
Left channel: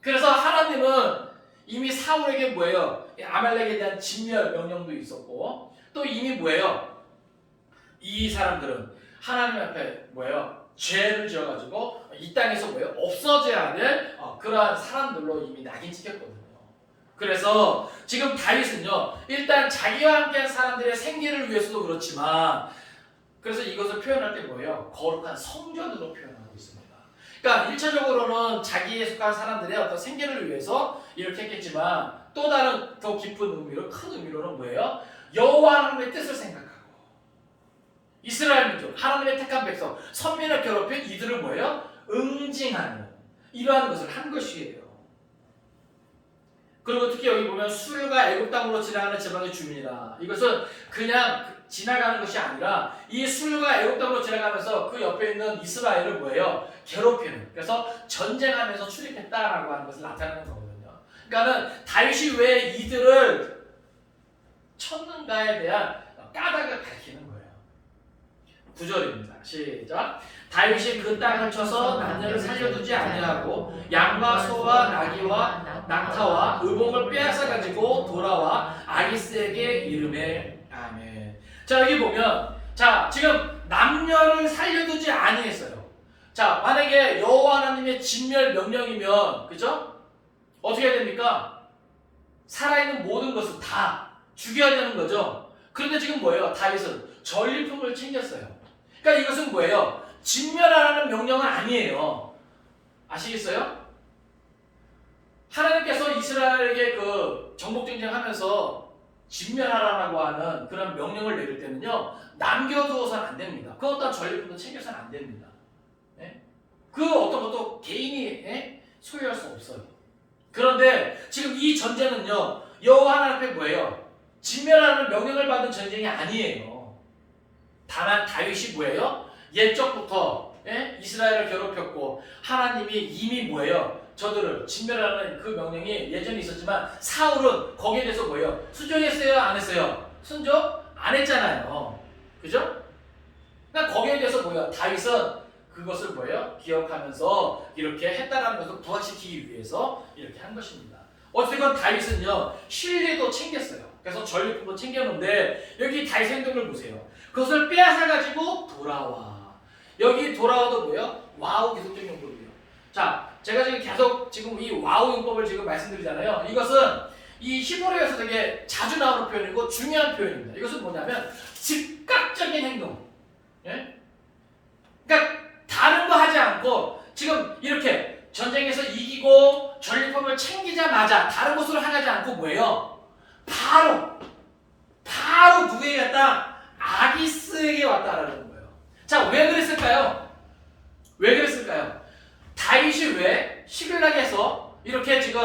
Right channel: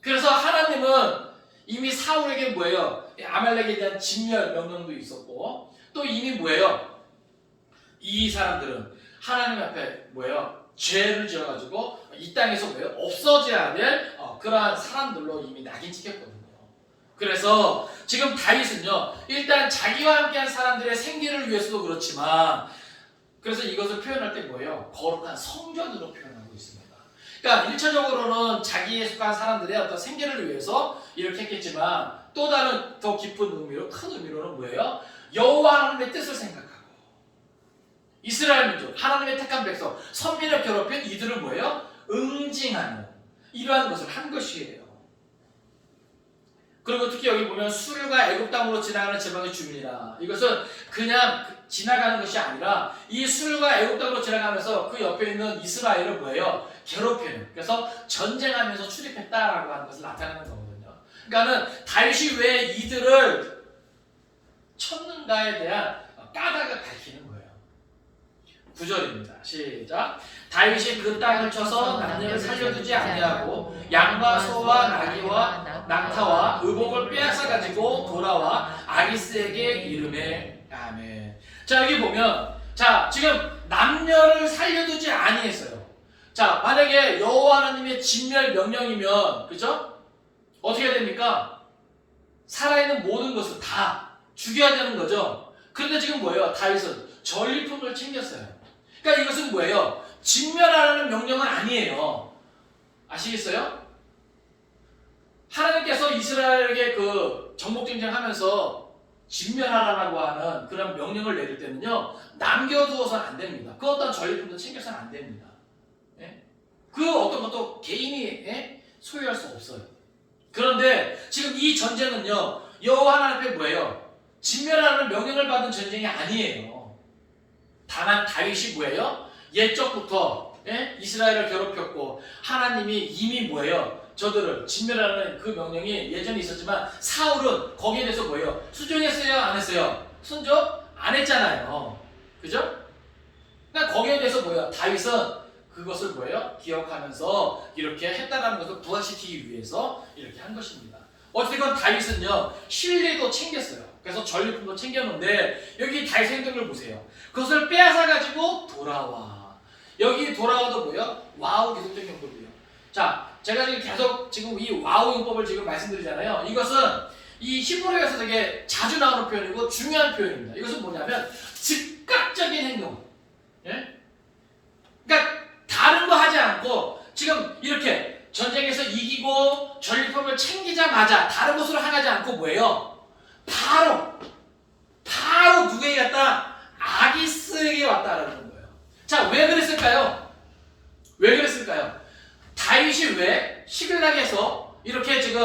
그래서 하나님은 이미 사울에게 뭐예요? 아말렉에 대한 진멸 명령도 있었고, 또 이미 뭐예요? 이 사람들은 하나님 앞에 뭐예요? 죄를 지어가지고 이 땅에서 뭐예요? 없어져야 될 그러한 사람들로 이미 낙인 찍혔거든요. 그래서 지금 다윗은요, 일단 자기와 함께한 사람들의 생계를 위해서도 그렇지만, 그래서 이것을 표현할 때 뭐예요? 거룩한 성전으로 표현하고 있습니다. 그러니까 1차적으로는 자기에 속한 사람들의 어떤 생계를 위해서 이렇게 했겠지만, 또 다른 더 깊은 의미로, 큰 의미로는 뭐예요? 여호와 하나님의 뜻을 생각하고 이스라엘 민족, 하나님의 택한 백성, 선민을 괴롭힌 이들을 뭐예요? 응징하는 이러한 것을 한 것이에요. 그리고 특히 여기 보면 술과 애굽 땅으로 지나가는 지방의 주민이라. 이것은 그냥 지나가는 것이 아니라 이 술과 애굽 땅으로 지나가면서 그 옆에 있는 이스라엘을 뭐예요? 괴롭히는. 그래서 전쟁하면서 출입했다라고 하는 것을 나타내는 거거든요. 그러니까는 다윗이 왜 이들을 쳤는가에 대한 까닭을 밝히는 거예요. 9절입니다. 시작. 다윗이 그 땅을 쳐서 남녀를 살려두지 아니하고 양과 소와 나귀와 낙타와 의복을 빼앗아 가지고 돌아와 아기스에게 이르매. 아멘. 자, 여기 보면 자, 지금 남녀를 살려두지 아니했어요. 자, 만약에 여호와 하나님의 진멸 명령이면 그죠? 어떻게 해야 됩니까? 살아있는 모든 것을 다 죽여야 되는 거죠. 그런데 지금 뭐예요? 다윗은 전리품을 챙겼어요. 그러니까 이것은 뭐예요? 진멸하라는 명령은 아니에요. 아시겠어요? 하나님께서 이스라엘에게 그 정복전쟁하면서 진멸하라고 하는 그런 명령을 내릴 때는요, 남겨두어서는 안 됩니다. 그 어떤 전리품도 챙겨서는 안 됩니다. 네? 그 어떤 것도 개인이 소유할 수 없어요. 그런데 지금 이 전쟁은요, 여호와 하나님 앞에 뭐예요? 진멸하라는 명령을 받은 전쟁이 아니에요. 다만 다윗이 뭐예요? 옛적부터 이스라엘을 괴롭혔고 하나님이 이미 뭐예요? 저들을 진멸하는 그 명령이 예전에 있었지만 사울은 거기에 대해서 뭐예요? 순종했어요? 안 했어요? 순종? 안 했잖아요. 그죠? 그러니까 거기에 대해서 뭐예요? 다윗은 그것을 뭐예요? 기억하면서 이렇게 했다라는 것을 부각시키기 위해서 이렇게 한 것입니다. 어쨌든 다윗은요, 신뢰도 챙겼어요. 그래서 전리품도 챙겼는데 여기 다윗의 행동을 보세요. 그것을 빼앗아가지고 돌아와. 여기 돌아와도 뭐예요? 와우 기속적 용법이에요. 자, 제가 지금 계속 지금 이 와우 용법을 지금 말씀드리잖아요. 이것은 이 히브리어에서 되게 자주 나오는 표현이고 중요한 표현입니다. 이것은 뭐냐면 즉각적인 행동. 예? 그러니까 다른 거 하지 않고 지금 이렇게 전쟁에서 이기고 전리품을 챙기자마자 다른 것으로 하지 않고 뭐예요? 바로 누구에게 갔다? 아기스에게 왔다라는 거예요. 자, 왜 그랬을까요? 왜 그랬을까요? 다윗이 왜 시글락에서 이렇게 지금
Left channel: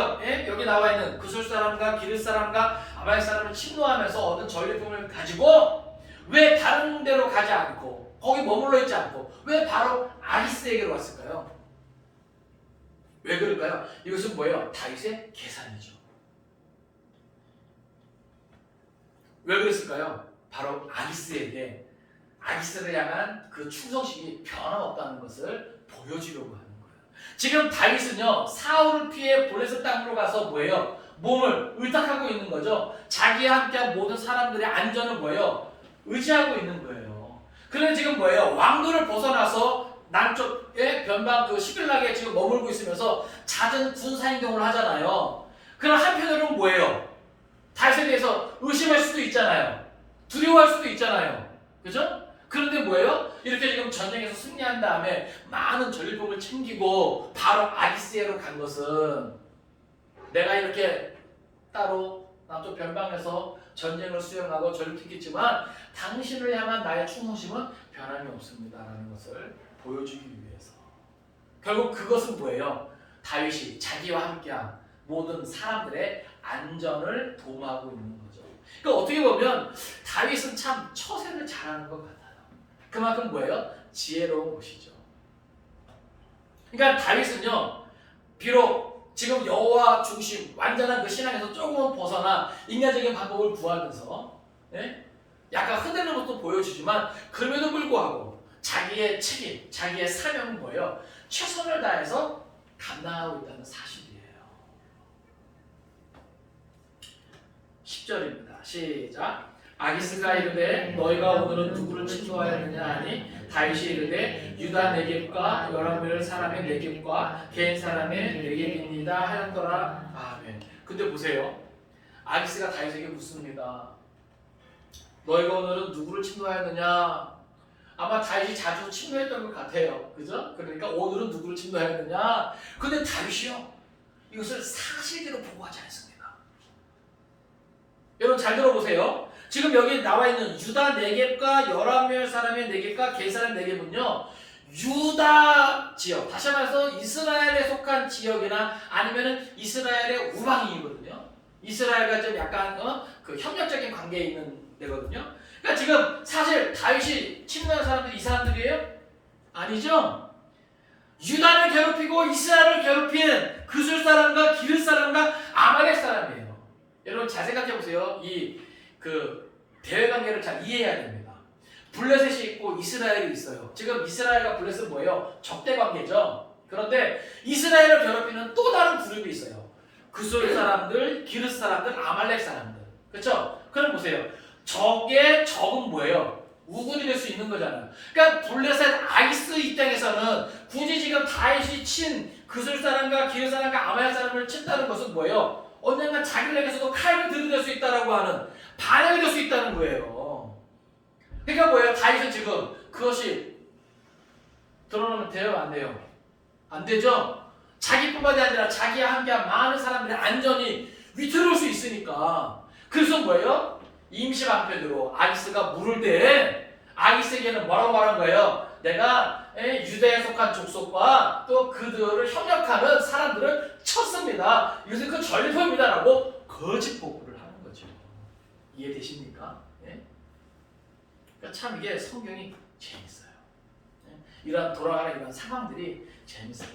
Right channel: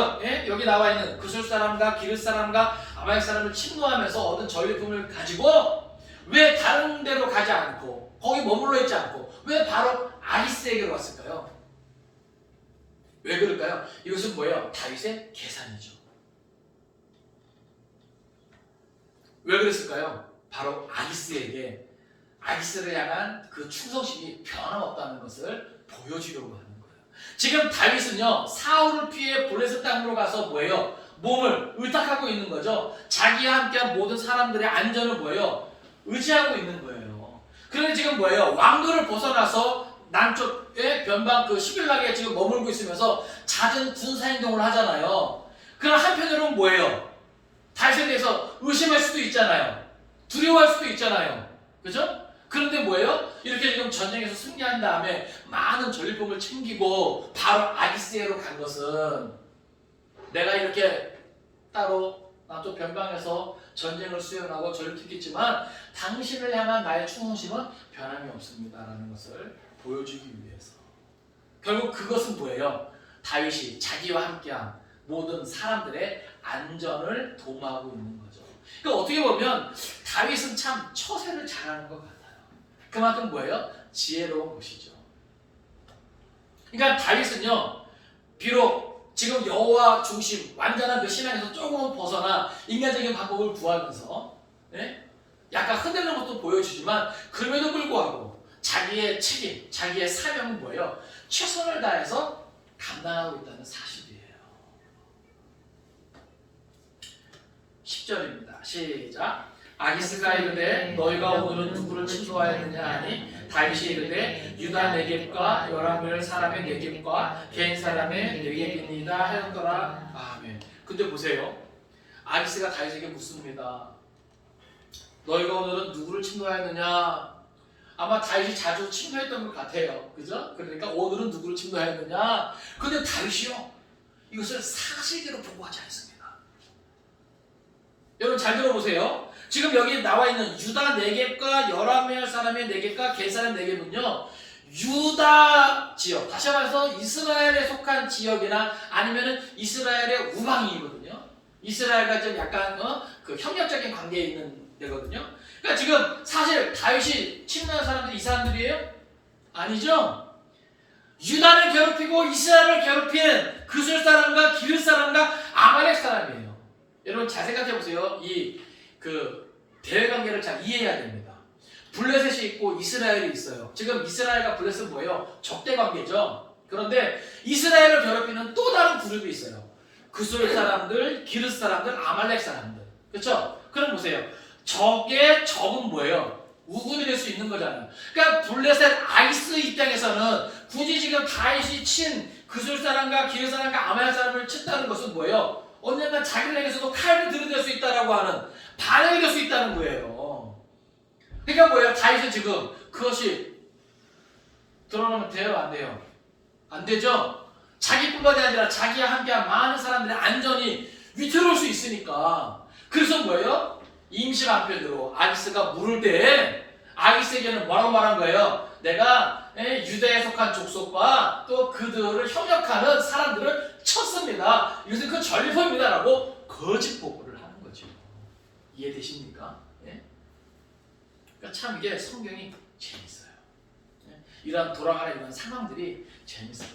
여기 나와 있는 그술 사람과 기르스 사람과 아말렉 사람을 침노하면서 얻은 전리품을 가지고 왜 다른 데로 가지 않고 거기 머물러 있지 않고 왜 바로 아기스에게로 왔을까요? 왜 그럴까요? 이것은 뭐예요? 다윗의 계산이죠. 왜 그랬을까요? 바로 아기스를 향한 그 충성심이 변함없다는 것을 보여주려고 하는 거예요. 지금 다윗은요, 사울을 피해 블레셋 땅으로 가서 뭐예요? 몸을 의탁하고 있는 거죠. 자기와 함께한 모든 사람들의 안전을 뭐예요? 의지하고 있는 거예요. 그런데 지금 뭐예요? 왕도를 벗어나서 남쪽의 변방 그 시빌락에 지금 머물고 있으면서 잦은 군사 행동을 하잖아요. 그럼 한편으로는 뭐예요? 다윗에 대해서 의심할 수도 있잖아요. 두려워할 수도 있잖아요. 그죠? 그런데 뭐예요? 이렇게 지금 전쟁에서 승리한 다음에 많은 전리품을 챙기고 바로 아기스에로 간 것은 내가 이렇게 따로 남쪽 변방에서 전쟁을 수행하고 전투했겠지만 당신을 향한 나의 충성심은 변함이 없습니다라는 것을 보여주기 위해서. 결국 그것은 뭐예요? 다윗이 자기와 함께한 모든 사람들의 안전을 도모하고 있는 거죠. 그러니까 어떻게 보면 다윗은 참 처세를 잘하는 것 같아요. 그만큼 뭐예요? 지혜로운 것이죠. 그러니까 다윗은요, 비록 지금 여호와 중심 완전한 그 신앙에서 조금 벗어나 인간적인 방법을 구하면서 약간 흔들리는 것도 보여주지만 그럼에도 불구하고 자기의 책임, 자기의 사명은 뭐예요? 최선을 다해서 감당하고 있다는 사실이에요. 10절입니다. 시작. 아기스가 이르되 너희가 오늘은 누구를 친구하였느냐 하니 다윗이 이르되 유다 네겝과 열왕별 사람의 네겝과 겐 사람의 네겝이니이다 하였더라. 아멘. 근데 보세요. 아기스가 다윗에게 묻습니다. 너희가 오늘은 누구를 친구하였느냐? 아마 다윗이 자주 친구했던 것 같아요. 그죠? 그러니까 오늘은 누구를 친구하였느냐? 근데 다윗이요, 이것을 사실대로 보고하지 않습니다. 여러분 잘 들어보세요. 지금 여기 나와 있는 유다 네겝과 열왕별 사람의 네겝과 겐 사람 네겝은요, 유다 지역, 다시 말해서 이스라엘에 속한 지역이나 아니면은 이스라엘의 우방이거든요. 이스라엘과 좀 약간 그 협력적인 관계에 있는 데거든요. 그러니까 지금 사실 다윗이 침노한 사람들이 이 사람들이에요? 아니죠. 유다를 괴롭히고 이스라엘을 괴롭힌 그술 사람과 기르 사람과 아말렉 사람이에요. 여러분 잘 생각해 보세요. 이 그 대외 관계를 잘 이해해야 됩니다. 블레셋이 있고 이스라엘이 있어요. 지금 이스라엘과 블레셋은 뭐예요? 적대 관계죠. 그런데 이스라엘을 괴롭히는 또 다른 그룹이 있어요. 그술 사람들, 기르 사람들, 아말렉 사람들. 그렇죠? 그럼 보세요. 적의 적은 뭐예요? 우군이 될 수 있는 거잖아요. 그러니까 블레셋 아기스 입장에서는 굳이 지금 다윗이 친 그술 사람과 기르 사람과 아말렉 사람을 친다는 것은 뭐예요? 언젠가 자기에게서도 칼을 들이댈 수 있다라고 하는 반영이 될 수 있다는 거예요. 그러니까 뭐예요? 다윗은 지금 그것이 드러나면 돼요? 안 돼요? 안 되죠? 자기뿐만이 아니라 자기와 함께한 많은 사람들의 안전이 위태로울 수 있으니까. 그래서 뭐예요? 임시 방편으로 아기스가 물을 때 아기스에게는 뭐라고 말한 거예요? 내가 유다에 속한 족속과 또 그들을 협력하는 사람들을 쳤습니다. 이것은 그 전리품입니다 라고 거짓 보고를 하는 거죠. 이해되십니까? 그러니까 참 이게 성경이 재밌어요. 이런 돌아가는 이런 상황들이 재밌어요.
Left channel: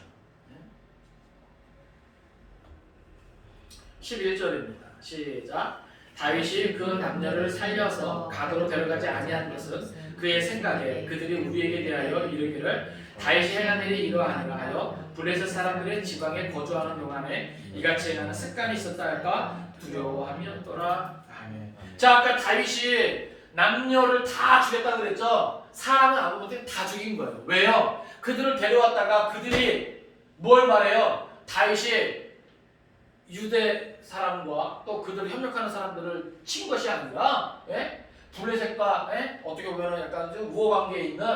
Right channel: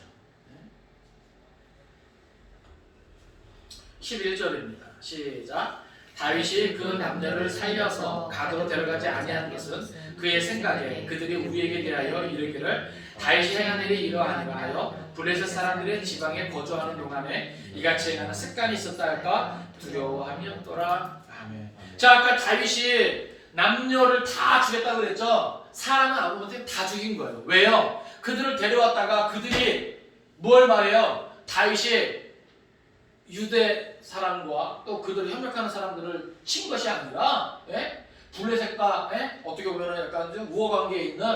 11절입니다. 시작. 다윗이 그 남녀를 살려서 가도로 데려가지 아니한 것은 그의 생각에 그들이 우리에게 대하여 이르기를 다윗이 행한 일이 이러하니라 하여 블레셋 사람들의 지방에 거주하는 동안에 이같이 행하는 습관이 있었다 할까 두려워함이었더라. 아멘. 자, 아까 다윗이 남녀를 다 죽였다고 그랬죠? 사람은 아무것도 다 죽인 거예요. 왜요? 그들을 데려왔다가 그들이 뭘 말해요? 다윗이 유대 사람과 또 그들을 협력하는 사람들을 친 것이 아니라 블레셋과 어떻게 보면 약간 좀 우호 관계에 있는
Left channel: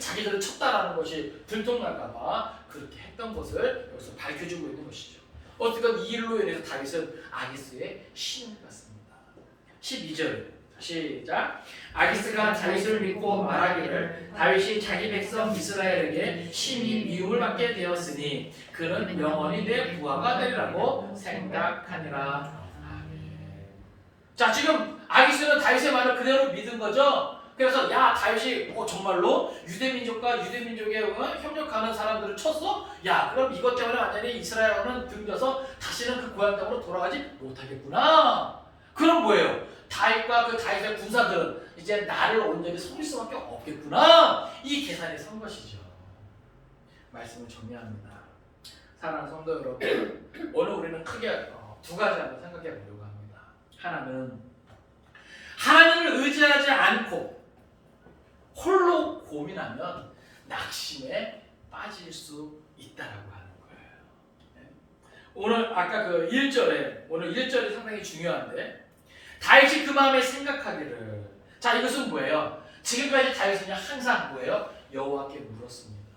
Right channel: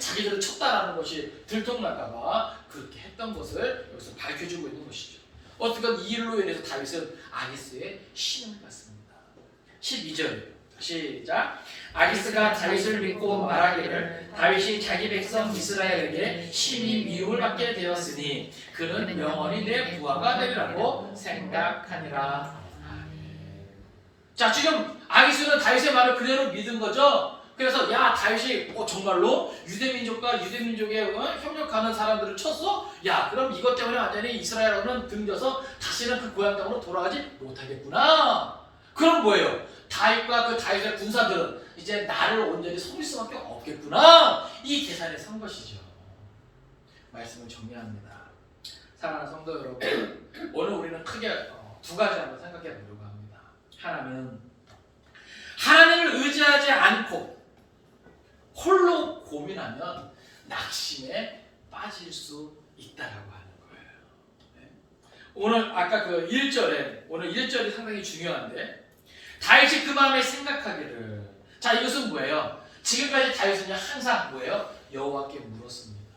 자기들을 쳤다라는 것이 들통날까봐 그렇게 했던 것을 여기서 밝혀주고 있는 것이죠. 어쨌든 이 일로 인해서 다윗은 아기스의 신임을 받습니다. 12절 시작. 아기스가 다윗을 믿고 말하기를 다윗이 자기 백성 이스라엘에게 심히 미움을 받게 되었으니 그는 영원히 내 부하가 되리라고 생각하니라. 자, 지금 아기스는 다윗의 말을 그대로 믿은 거죠. 그래서 야 다윗이 정말로 유대민족과 유대민족에 협력하는 사람들을 쳤어? 야 그럼 이것 때문에 완전히 이스라엘은 등져서 다시는 그 고향 땅으로 돌아가지 못하겠구나. 그럼 뭐예요? 다윗과 그 다윗의 군사들은 이제 나를 온전히 섬길 수밖에 없겠구나. 이 계산에 선 것이죠. 말씀을 정리합니다. 사랑하는 성도 여러분, 오늘 우리는 크게 두 가지 한번 생각해 보려고 합니다. 하나는 하나님을 의지하지 않고 홀로 고민하면 낙심에 빠질 수 있다라고 하는 거예요. 네. 오늘 아까 그 1절에 오늘 1절이 상당히 중요한데 다윗이 그 마음에 생각하기를 자 이것은 뭐예요? 지금까지 다윗은 항상 뭐예요? 여호와께 물었습니다.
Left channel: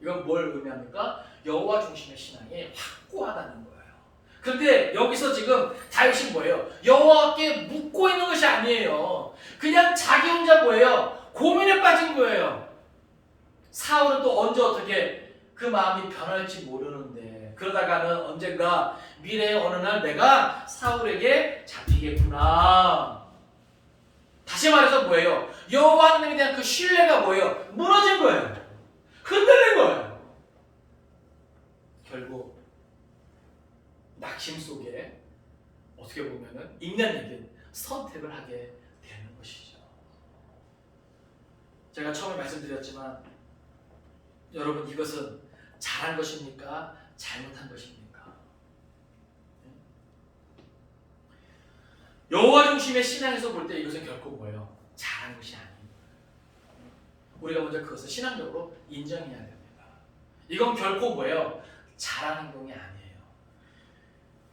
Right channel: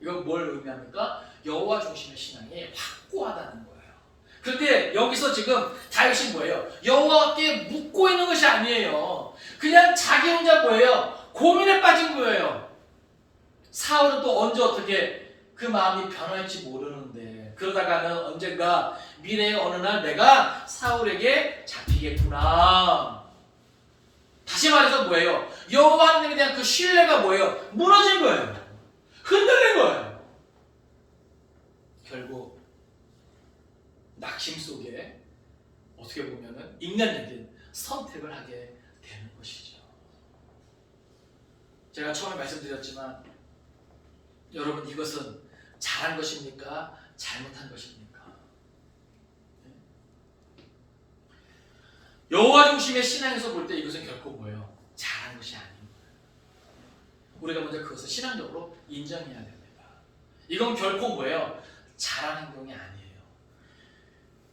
이건 뭘 의미합니까? 여호와 중심의 신앙이 확고하다는 거예요. 그런데 여기서 지금 다윗이 뭐예요? 여호와께 묻고 있는 것이 아니에요. 그냥 자기 혼자 뭐예요? 고민에 빠진 거예요. 사울은 또 언제 어떻게 그 마음이 변할지 모르는데 그러다가는 언젠가 미래의 어느 날 내가 사울에게 잡히겠구나. 다시 말해서 뭐예요? 여호와 하나님에 대한 그 신뢰가 뭐예요? 무너진 거예요. 흔들린 거예요. 결국 낙심 속에 어떻게 보면은 인간적인 선택을 하게 되는 것이죠. 제가 처음에 말씀드렸지만 여러분 이것은 잘한 것입니까? 잘못한 것입니까? 여호와 중심의 신앙에서 볼 때 이것은 결코 뭐예요? 잘한 것이 아닙니다. 우리가 먼저 그것을 신앙적으로 인정해야 됩니다. 이건 결코 뭐예요? 잘한 행동이 아니에요.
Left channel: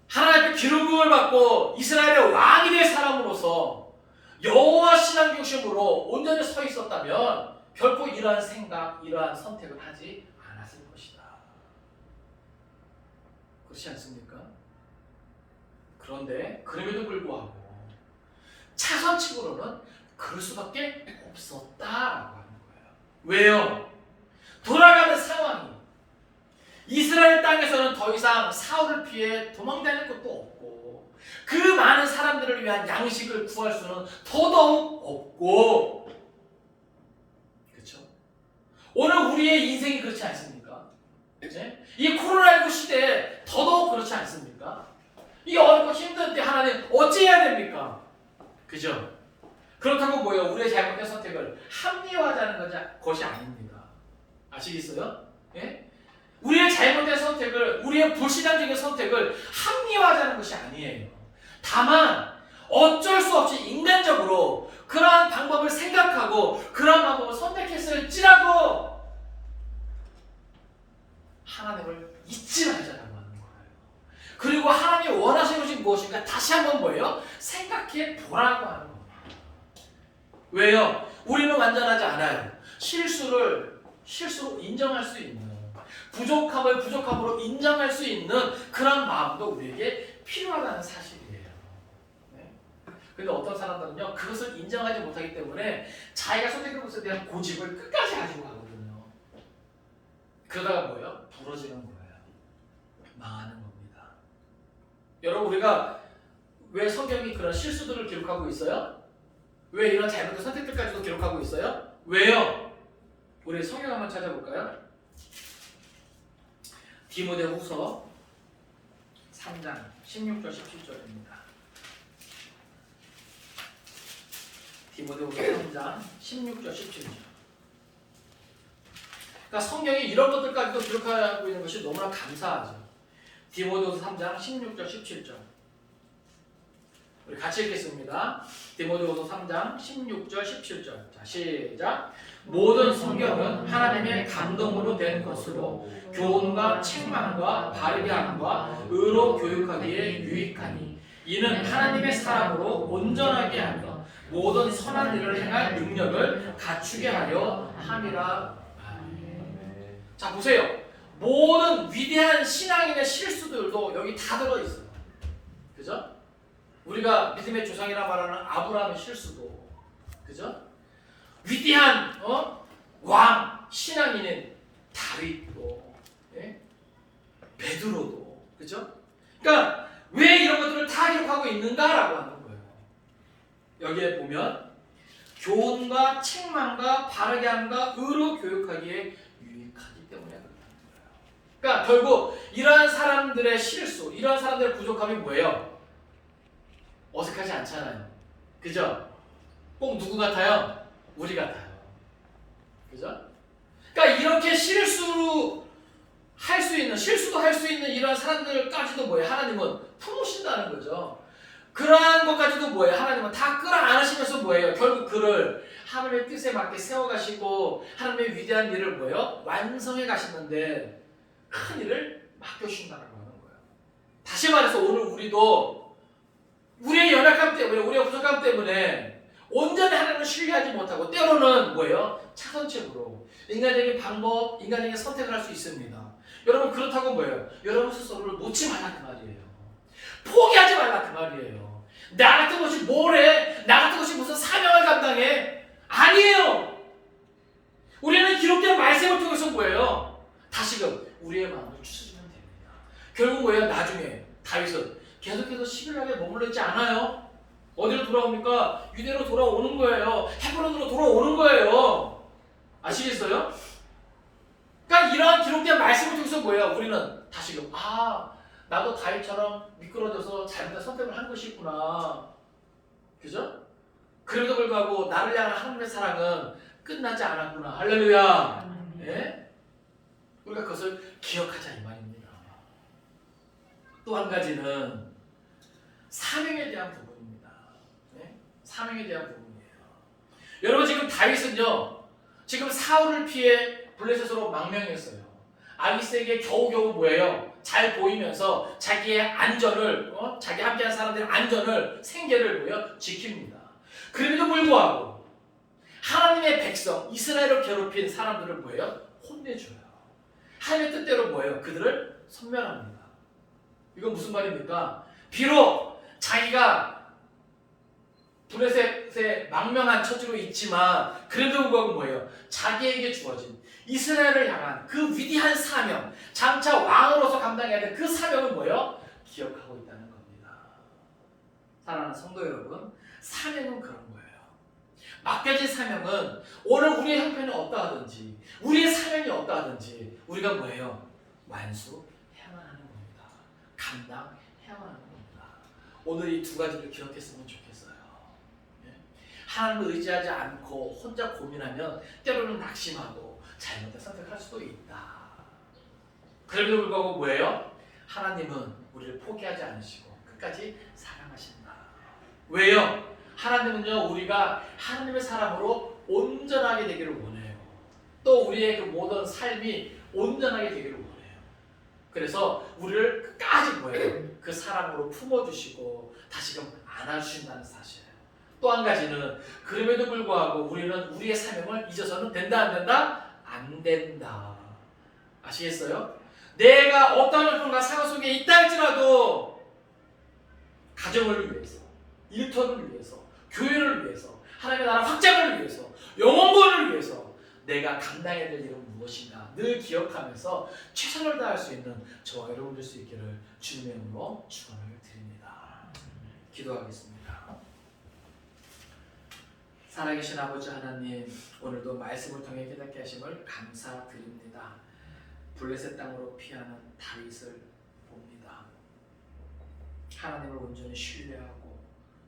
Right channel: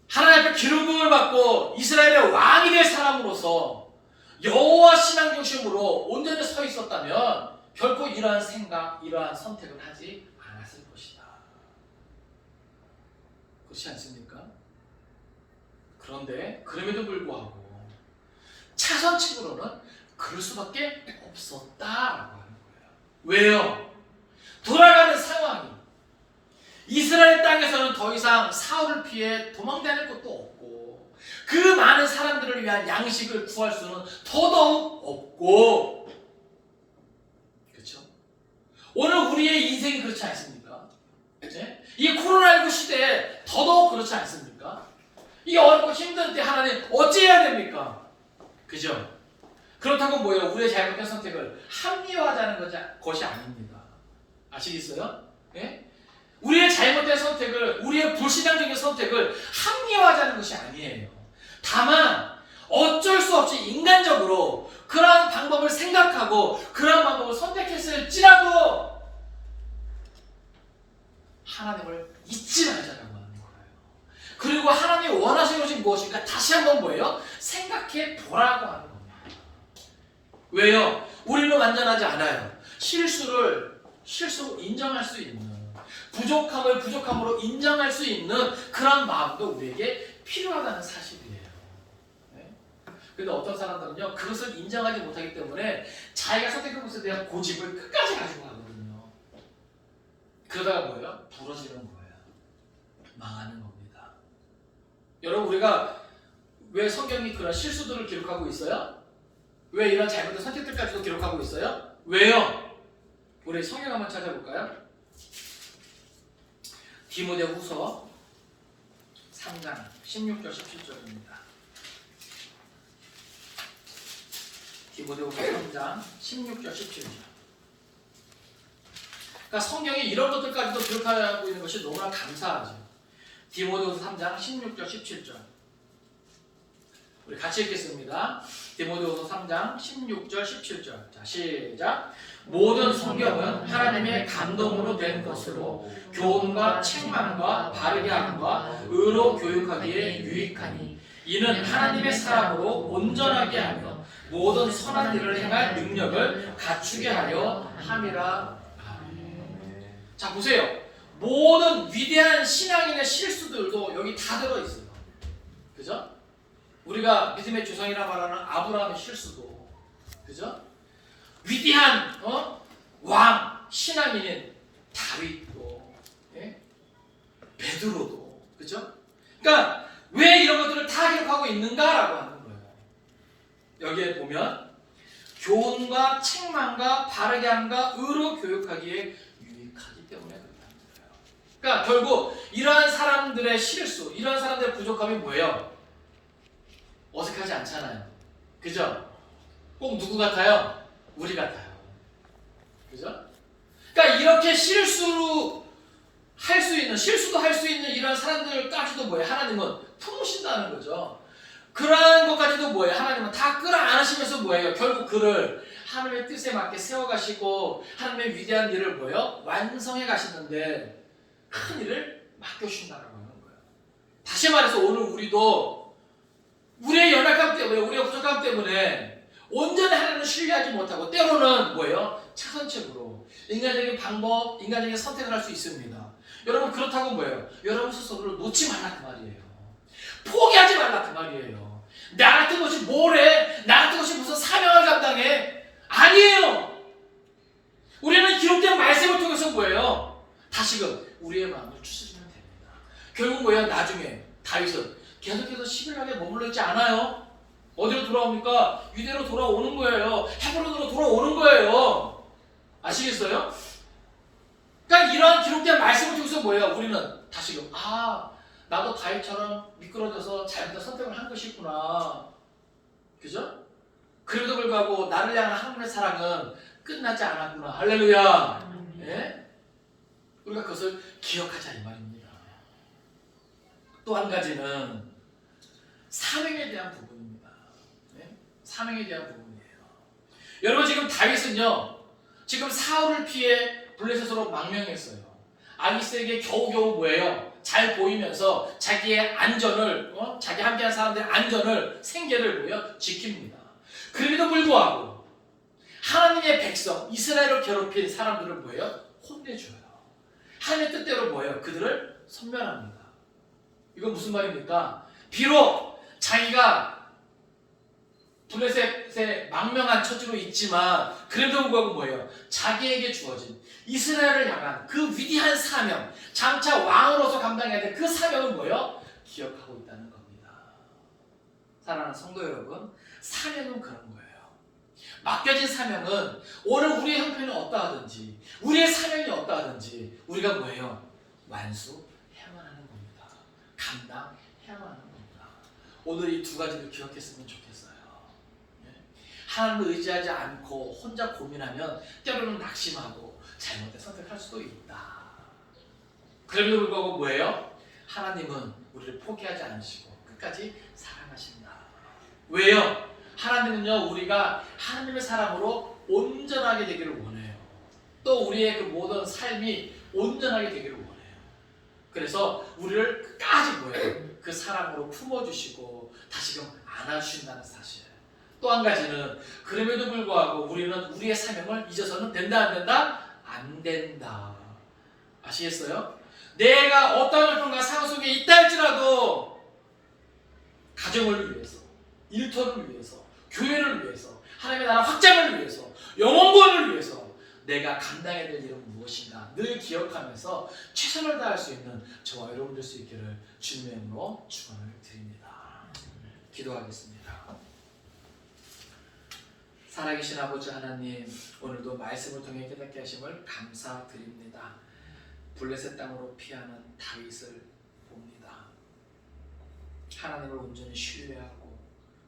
하나님 앞에 기름부음을 받고 이스라엘의 왕이 될 사람으로서 여호와 신앙 중심으로 온전히 서 있었다면 결코 이러한 생각, 이러한 선택을 하지 않았을 것이다. 그렇지 않습니까? 그런데 그럼에도 불구하고 차선책으로는 그럴 수밖에 없었다라고 하는 거예요. 왜요? 돌아가는 상황이 이스라엘 땅에서는 더 이상 사울을 피해 도망다닐 것도 없고 그 많은 사람들을 위한 양식을 구할 수는 더더욱 없고 그렇죠? 오늘 우리의 인생이 그렇지 않습니까? 네? 이 코로나19 시대에 더더욱 그렇지 않습니까? 이 어렵고 힘든 때 하나님 어찌해야 됩니까? 그죠? 그렇다고 뭐예요? 우리의 잘못된 선택을 합리화하자는 것이 아닙니다. 아시겠어요? 네? 우리의 잘못된 선택을, 우리의 불신앙적인 선택을 합리화하자는 것이 아니에요. 다만 어쩔 수 없이 인간적으로 그러한 방법을 생각하고 그러한 방법을 선택했을지라도 하나님을 잊지 말자라고 하는 거예요. 그리고 하나님이 원하시는 것이 무엇인가 다시 한번 뭐예요? 생각해 보라고 하는 겁니다. 왜요? 우리는 완전하지 않아요. 실수로 인정할 수 있는 부족함을 부족함으로 인정할 수 있는 그런 마음도 우리에게 필요하다는 사실이에요. 네? 근데 어떤 사람들은요 그것을 인정하지 못하기 때문에 자기가 선택한 것에 대한 고집을 끝까지 가지고 가거든요. 그러다가 뭐예요? 부러지는 거예요. 망하는 겁니다. 여러분 우리가 왜 성경이 그런 실수들을 기록하고 있어요? 왜 이런 잘못된 선택들까지도 기록하고 있어요? 왜요? 우리 성경 한번 찾아볼까요? 디모데후서 3장 16절 17절입니다. 디모데후서 3장 16절 17절. 그러니까 성경이 이런 것들까지도 기록하고 있는 것이 너무나 감사하죠. 디모데후서 3장 16절 17절. 우리 같이 읽겠습니다. 디모데후서 3장 16절 17절. 자, 시작. 모든 성경은 하나님의 감동으로 된 것으로 교훈과 책망과 바르게 함과 의로 교육하기에 유익하니 이는 하나님의 사람으로 온전하게 하며 모든 선한 일을 행할 능력을 갖추게 하려 함이라. 자 보세요. 모든 위대한 신앙인의 실수들도 여기 다 들어있어요. 그죠? 우리가 믿음의 조상이라 말하는 아브라함의 실수도, 그죠? 위대한 왕 신앙인인 다윗도, 예? 베드로도, 그죠? 그러니까 왜 이런 것들을 다 기록하고 있는가라고 하는 거예요. 여기에 보면 교훈과 책망과 바르게 함과 의로 교육하기에 유익하기 때문에 그렇다는 거예요. 그러니까 결국 이러한 사람들의 실수, 이러한 사람들의 부족함이 뭐예요? 어색하지 않잖아요. 그죠? 꼭 누구 같아요? 우리 같아요. 그죠? 그러니까 이렇게 실수도 할 수 있는 이런 사람들까지도 뭐예요? 하나님은 품으신다는 거죠. 그러한 것까지도 뭐예요? 하나님은 다 끌어안으시면서 뭐예요? 결국 그를 하나님의 뜻에 맞게 세워가시고 하나님의 위대한 일을 뭐예요? 완성해 가시는데 큰 일을 맡겨주신다라고 하는 거예요. 다시 말해서 오늘 우리도 우리의 연약함 때문에, 우리의 부족함 때문에 온전히 하나님을 신뢰하지 못하고 때로는 뭐예요? 차선책으로 인간적인 방법, 인간적인 선택을 할 수 있습니다. 여러분 그렇다고 뭐예요? 여러분 스스로를 놓지 말라 그 말이에요. 포기하지 말라 그 말이에요. 나 같은 것이 뭐래? 나 같은 것이 무슨 사명을 감당해? 아니에요. 우리는 기록된 말씀을 통해서 뭐예요? 다시금 우리의 마음을 추스리면 됩니다. 결국 뭐예요? 나중에 다윗은 계속해서 시빌락에 머물러 있지 않아요. 어디로 돌아옵니까? 유대로 돌아오는 거예요. 헤브론으로 돌아오는 거예요. 아시겠어요? 그러니까 이런 기록된 말씀을 통해서 뭐예요? 우리는 다시금 나도 다윗처럼 미끄러져서 잘못된 선택을 한 것이 있구나. 그죠? 그래도 불구하고 나를 향한 하나님의 사랑은 끝나지 않았구나. 할렐루야. 예? 우리가 그것을 기억하자 이 말입니다. 또 한 가지는 사명에 대한 부분입니다. 예? 사명에 대한 부분이에요. 여러분 지금 다윗은요. 지금 사울을 피해 블레셋으로 망명했어요. 아기스에게 겨우겨우 뭐예요? 잘 보이면서 자기의 안전을, 자기 함께한 사람들의 안전을, 생계를 뭐예요? 지킵니다. 그럼에도 불구하고 하나님의 백성 이스라엘을 괴롭힌 사람들을 뭐예요? 혼내줘요. 하나님의 뜻대로 뭐예요? 그들을 섬멸합니다. 이건 무슨 말입니까? 비록 자기가 블레셋의 망명한 처지로 있지만 그래도 불구하고 뭐예요? 자기에게 주어진 이스라엘을 향한 그 위대한 사명, 장차 왕으로서 감당해야 될 그 사명을 뭐예요? 기억하고 있다는 겁니다. 사랑하는 성도 여러분, 사명은 그런 거예요. 맡겨진 사명은 오늘 우리의 형편이 어떠하든지 우리의 사명이 어떠하든지 우리가 뭐예요? 완수해야만 하는 겁니다. 감당해야만 하는 겁니다. 오늘 이 두 가지를 기억했으면 좋겠어요. 하나님을 의지하지 않고 혼자 고민하면 때로는 낙심하고 잘못된 선택할 수도 있다. 그럼에도 불구하고 뭐예요? 하나님은 우리를 포기하지 않으시고 끝까지 사랑하신다. 왜요? 하나님은요 우리가 하나님의 사람으로 온전하게 되기를 원해요. 또 우리의 그 모든 삶이 온전하게 되기를 원해요. 그래서 우리를 끝까지 뭐예요? 그 사랑으로 품어주시고 다시금 안아주신다는 사실. 또 한 가지는 그럼에도 불구하고 우리는 우리의 사명을 잊어서는 된다 안 된다? 안 된다. 아시겠어요? 내가 어떠한 형편과 상황 속에 있다 할지라도 가정을 위해서, 일터를 위해서, 교회를 위해서, 하나님의 나라 확장을 위해서, 영혼권을 위해서 내가 감당해야 될 일은 무엇인가 늘 기억하면서 최선을 다할 수 있는 저와 여러분 될 수 있기를 주님의 이름으로 축원을 드립니다. 기도하겠습니다. 살아계신 아버지 하나님, 오늘도 말씀을 통해 깨닫게 하심을 감사드립니다. 블레셋 땅으로 피하는 다윗을 봅니다. 하나님을 온전히 신뢰하고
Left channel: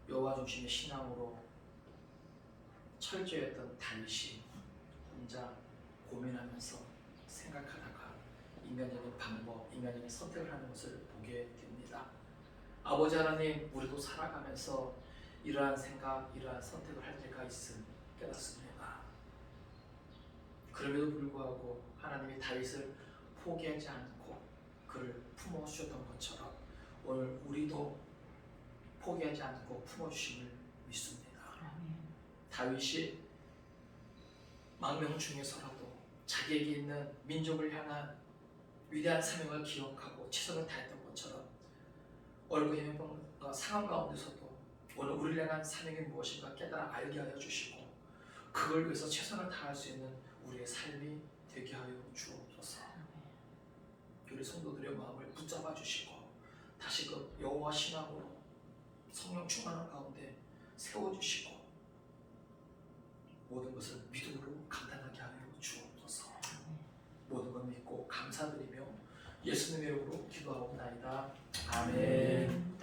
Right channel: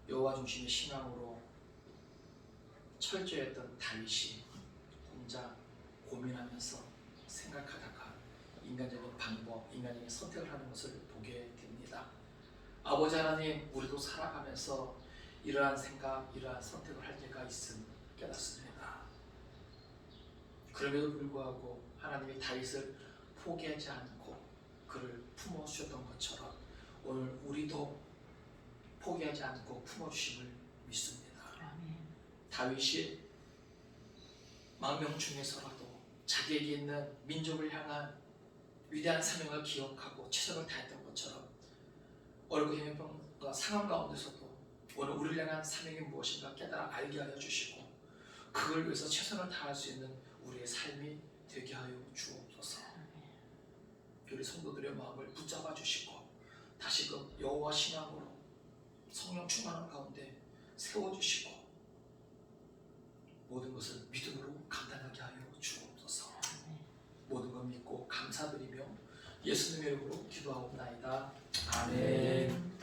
여호와 중심의 신앙으로 철저했던 다윗이 혼자 고민하면서 생각하다가 인간적인 방법, 인간적인 선택을 하는 것을 보게 됩니다. 아버지 하나님, 우리도 살아가면서 이러한 생각, 이러한 선택을 할 때가 있음 깨닫습니다. 그럼에도 불구하고 하나님이 다윗을 포기하지 않고 그를 품어주셨던 것처럼 오늘 우리도 포기하지 않고 품어주심을 믿습니다. 다윗이 망명 중에서라도 자기에게 있는 민족을 향한 위대한 사명을 기억하고 최선을 다했던 것처럼 어렵고 힘든 상황 가운데서도 오늘 우리를 향한 사명이 무엇인가 깨달아 알게 하여 주시고 그걸 위해서 최선을 다할 수 있는 우리의 삶이 되게 하여 주옵소서. 우리 성도들의 마음을 붙잡아 주시고 다시금 여호와 신앙으로 성령 충만한 가운데 세워주시고 모든 것을 믿음으로 감당하게 하여 주옵소서. 모든 것 믿고 감사드리며 예수님의 이름으로 기도하옵나이다. 아멘.